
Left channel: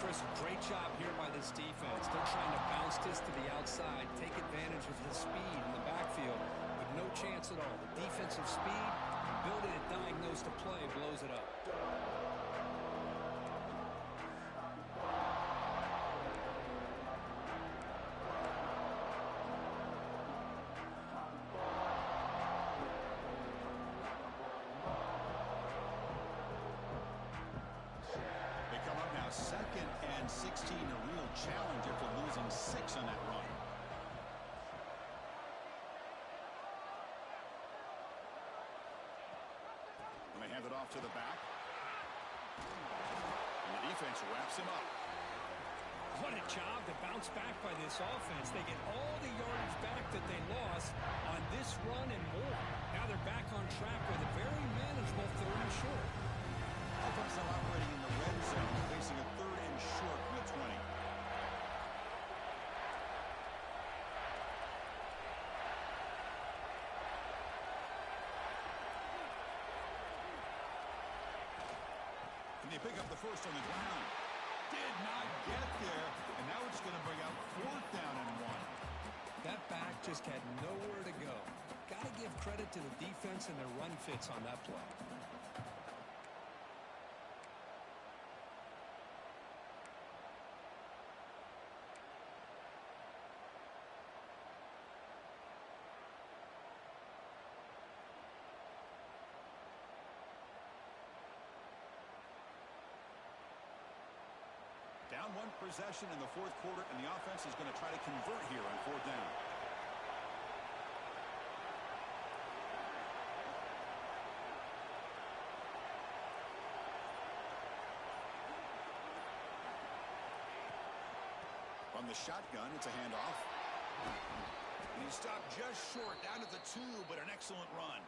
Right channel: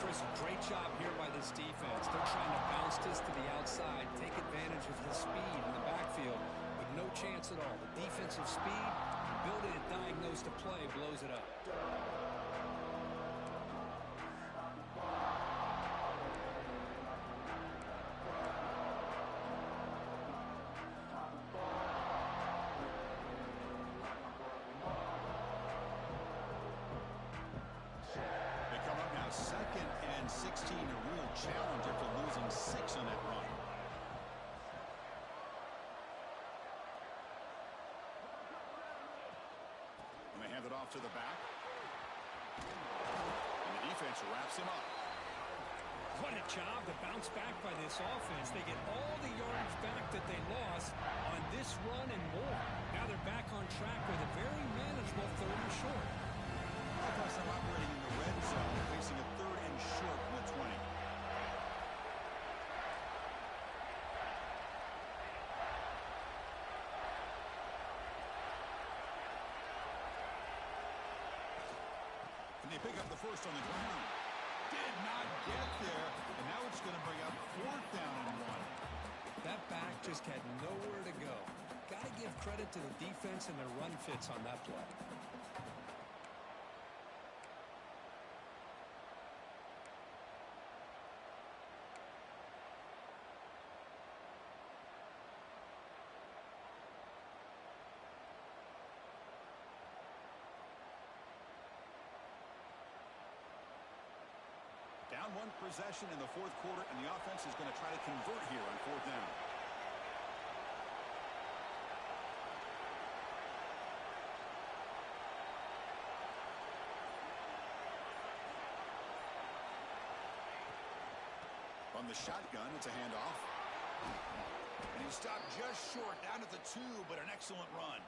Chris, great job here by this defense. They're trying to bounce this to the outside, take advantage of his speed in the backfield, but no chance at all. The defensive speed, ability to diagnose the play, blows it up. Second and 16, a real challenge after losing 6 on that run. And they hand it off to the back. And the defense wraps him up. What a job to bounce back by this offense. They get all the yardage back that they lost on this run and more. Now they're back on track with a very manageable 3rd and short. Offense now operating in the red zone, facing a 3rd and short from the 20. Can they pick up the first on the ground? Did not get there, and now it's going to bring up 4th down and 1. That back just had nowhere to go. Got to give credit to the defense and their run fits on that play. Down 1 possession in the 4th quarter, and the offense is going to try to convert here on 4th down. From the shotgun, it's a handoff. And he stopped just short, down at the 2, but an excellent run.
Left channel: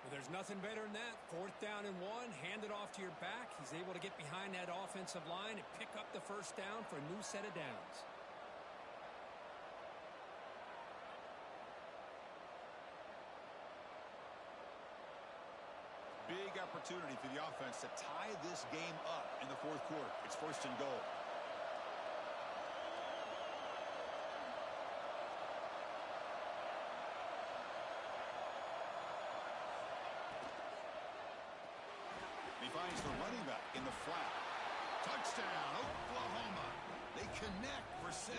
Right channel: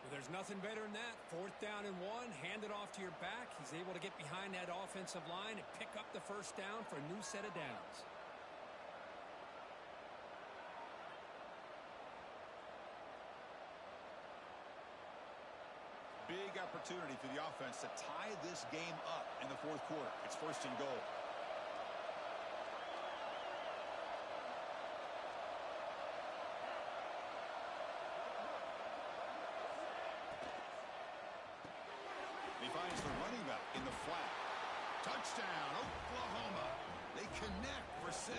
Well, there's nothing better than that. 4th down and 1, hand it off to your back. He's able to get behind that offensive line and pick up the 1st down for a new set of downs. Big opportunity for the offense to tie this game up in the 4th quarter. It's 1st and goal. He finds the running back in the flat. Touchdown, Oklahoma. They connect for 6.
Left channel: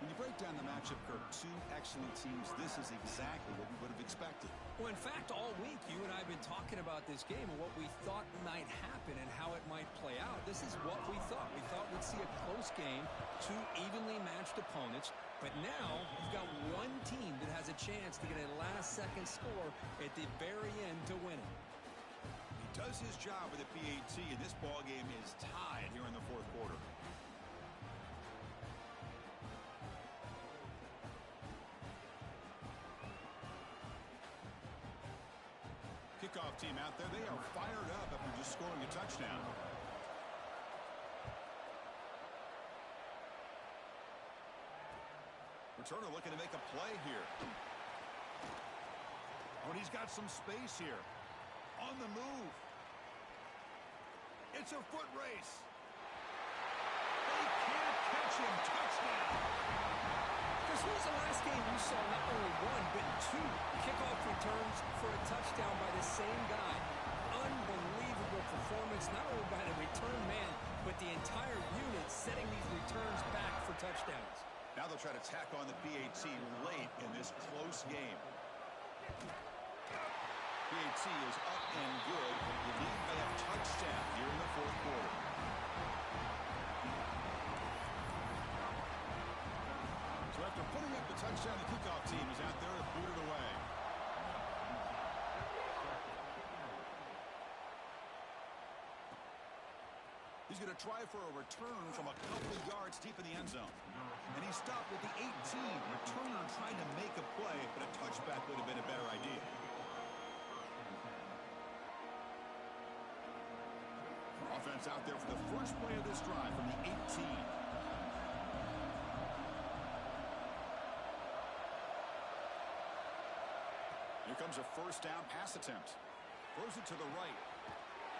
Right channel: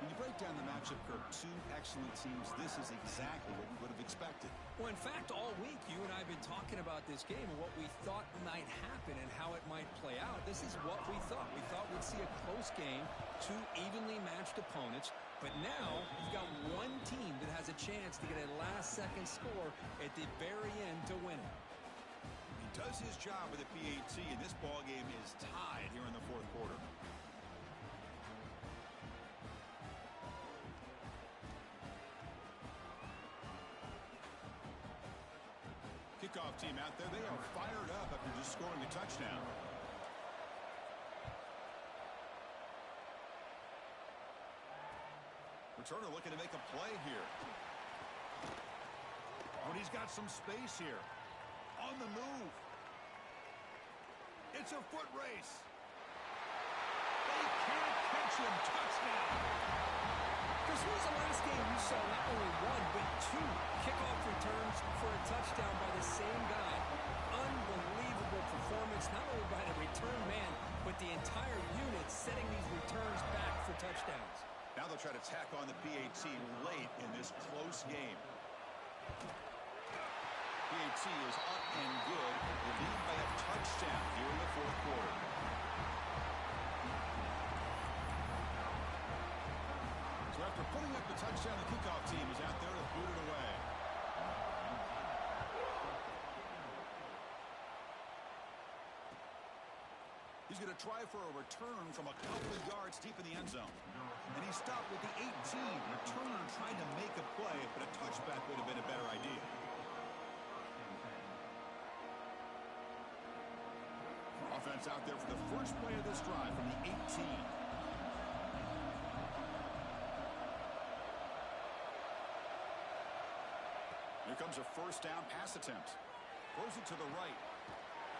When you break down the matchup, Kirk, 2 excellent teams, this is exactly what we would have expected. Well, in fact, all week, you and I have been talking about this game and what we thought might happen and how it might play out. This is what we thought. We thought we'd see a close game, 2 evenly matched opponents. But now, you've got one team that has a chance to get a last-second score at the very end to win it. Does his job with the PAT, and this ball game is tied here in the 4th quarter. Kickoff team out there, they are fired up after just scoring a touchdown. Returner looking to make a play here. Oh, and he's got some space here. On the move. It's a foot race. They can't catch him. Touchdown. Chris, when was the last game you saw not only 1, but 2 kickoff returns for a touchdown by the same guy? Unbelievable performance, not only by the return man, but the entire unit setting these returns back for touchdowns. Now they'll try to tack on the PAT late in this close game. PAT is up and good. The lead by a touchdown here in the 4th quarter. So after putting up the touchdown, the kickoff team is out there to boot it away. He's going to try for a return from a couple of yards deep in the end zone. And he stopped with the 18. Returner trying to make a play, but a touchback would have been a better idea. Offense out there for the first play of this drive from the 18. Here comes a 1st down pass attempt. Throws it to the right.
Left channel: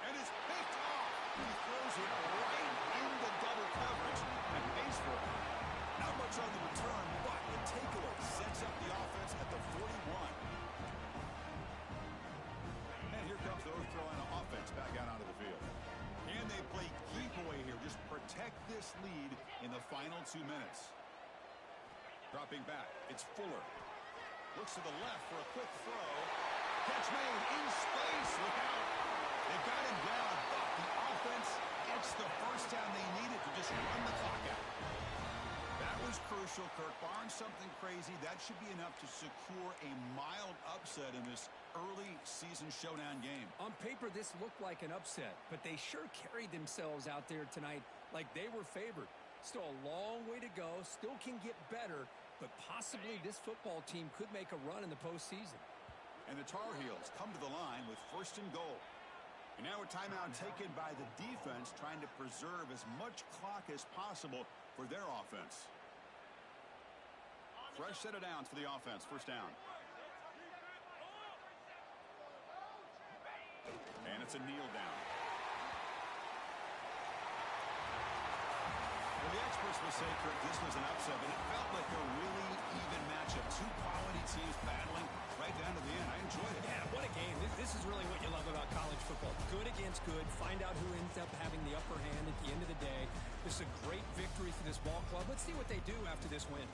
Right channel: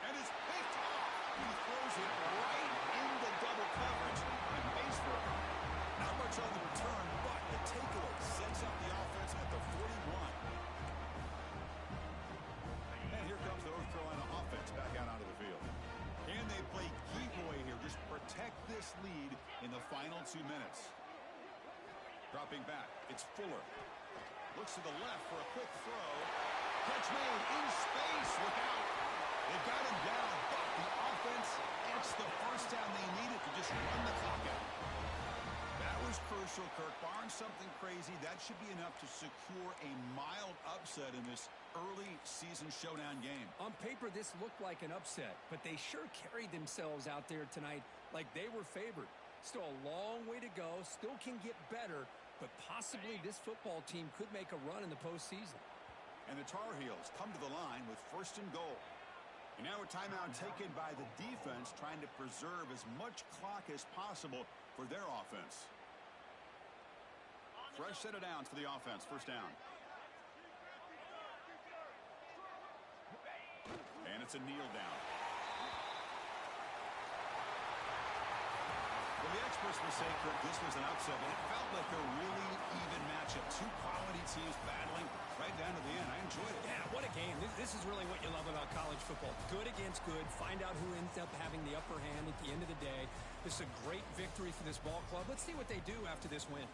And it's picked off. He throws it right into double coverage and pays for it. Not much on the return, but the takeaway sets up the offense at the 41. And here comes the North Carolina offense back out onto the field. And they play keep away here. Just protect this lead in the final 2 minutes. Dropping back, it's Fuller. Looks to the left for a quick throw. Catch made in space. Look out. They've got him down, but the offense gets the first down they needed to just run the clock out. That was crucial, Kirk. Barring something crazy, that should be enough to secure a mild upset in this early season showdown game. On paper, this looked like an upset, but they sure carried themselves out there tonight like they were favored. Still a long way to go, still can get better, but possibly this football team could make a run in the postseason. And the Tar Heels come to the line with 1st and goal. And now a timeout taken by the defense, trying to preserve as much clock as possible for their offense. Fresh set of downs for the offense. 1st down. And it's a kneel down. Well, the experts will say, Kirk, this was an upset, but it felt like a really even matchup. 2 quality teams battling right down to the end. I enjoyed it. Yeah, what a game. This is really what you love about college football. Good against good. Find out who ends up having the upper hand at the end of the day. This is a great victory for this ball club. Let's see what they do after this win.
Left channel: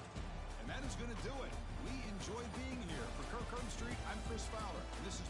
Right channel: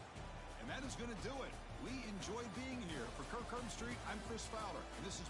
And that is going to do it. We enjoyed being here. For Kirk Herbstreit, I'm Chris Fowler. And this is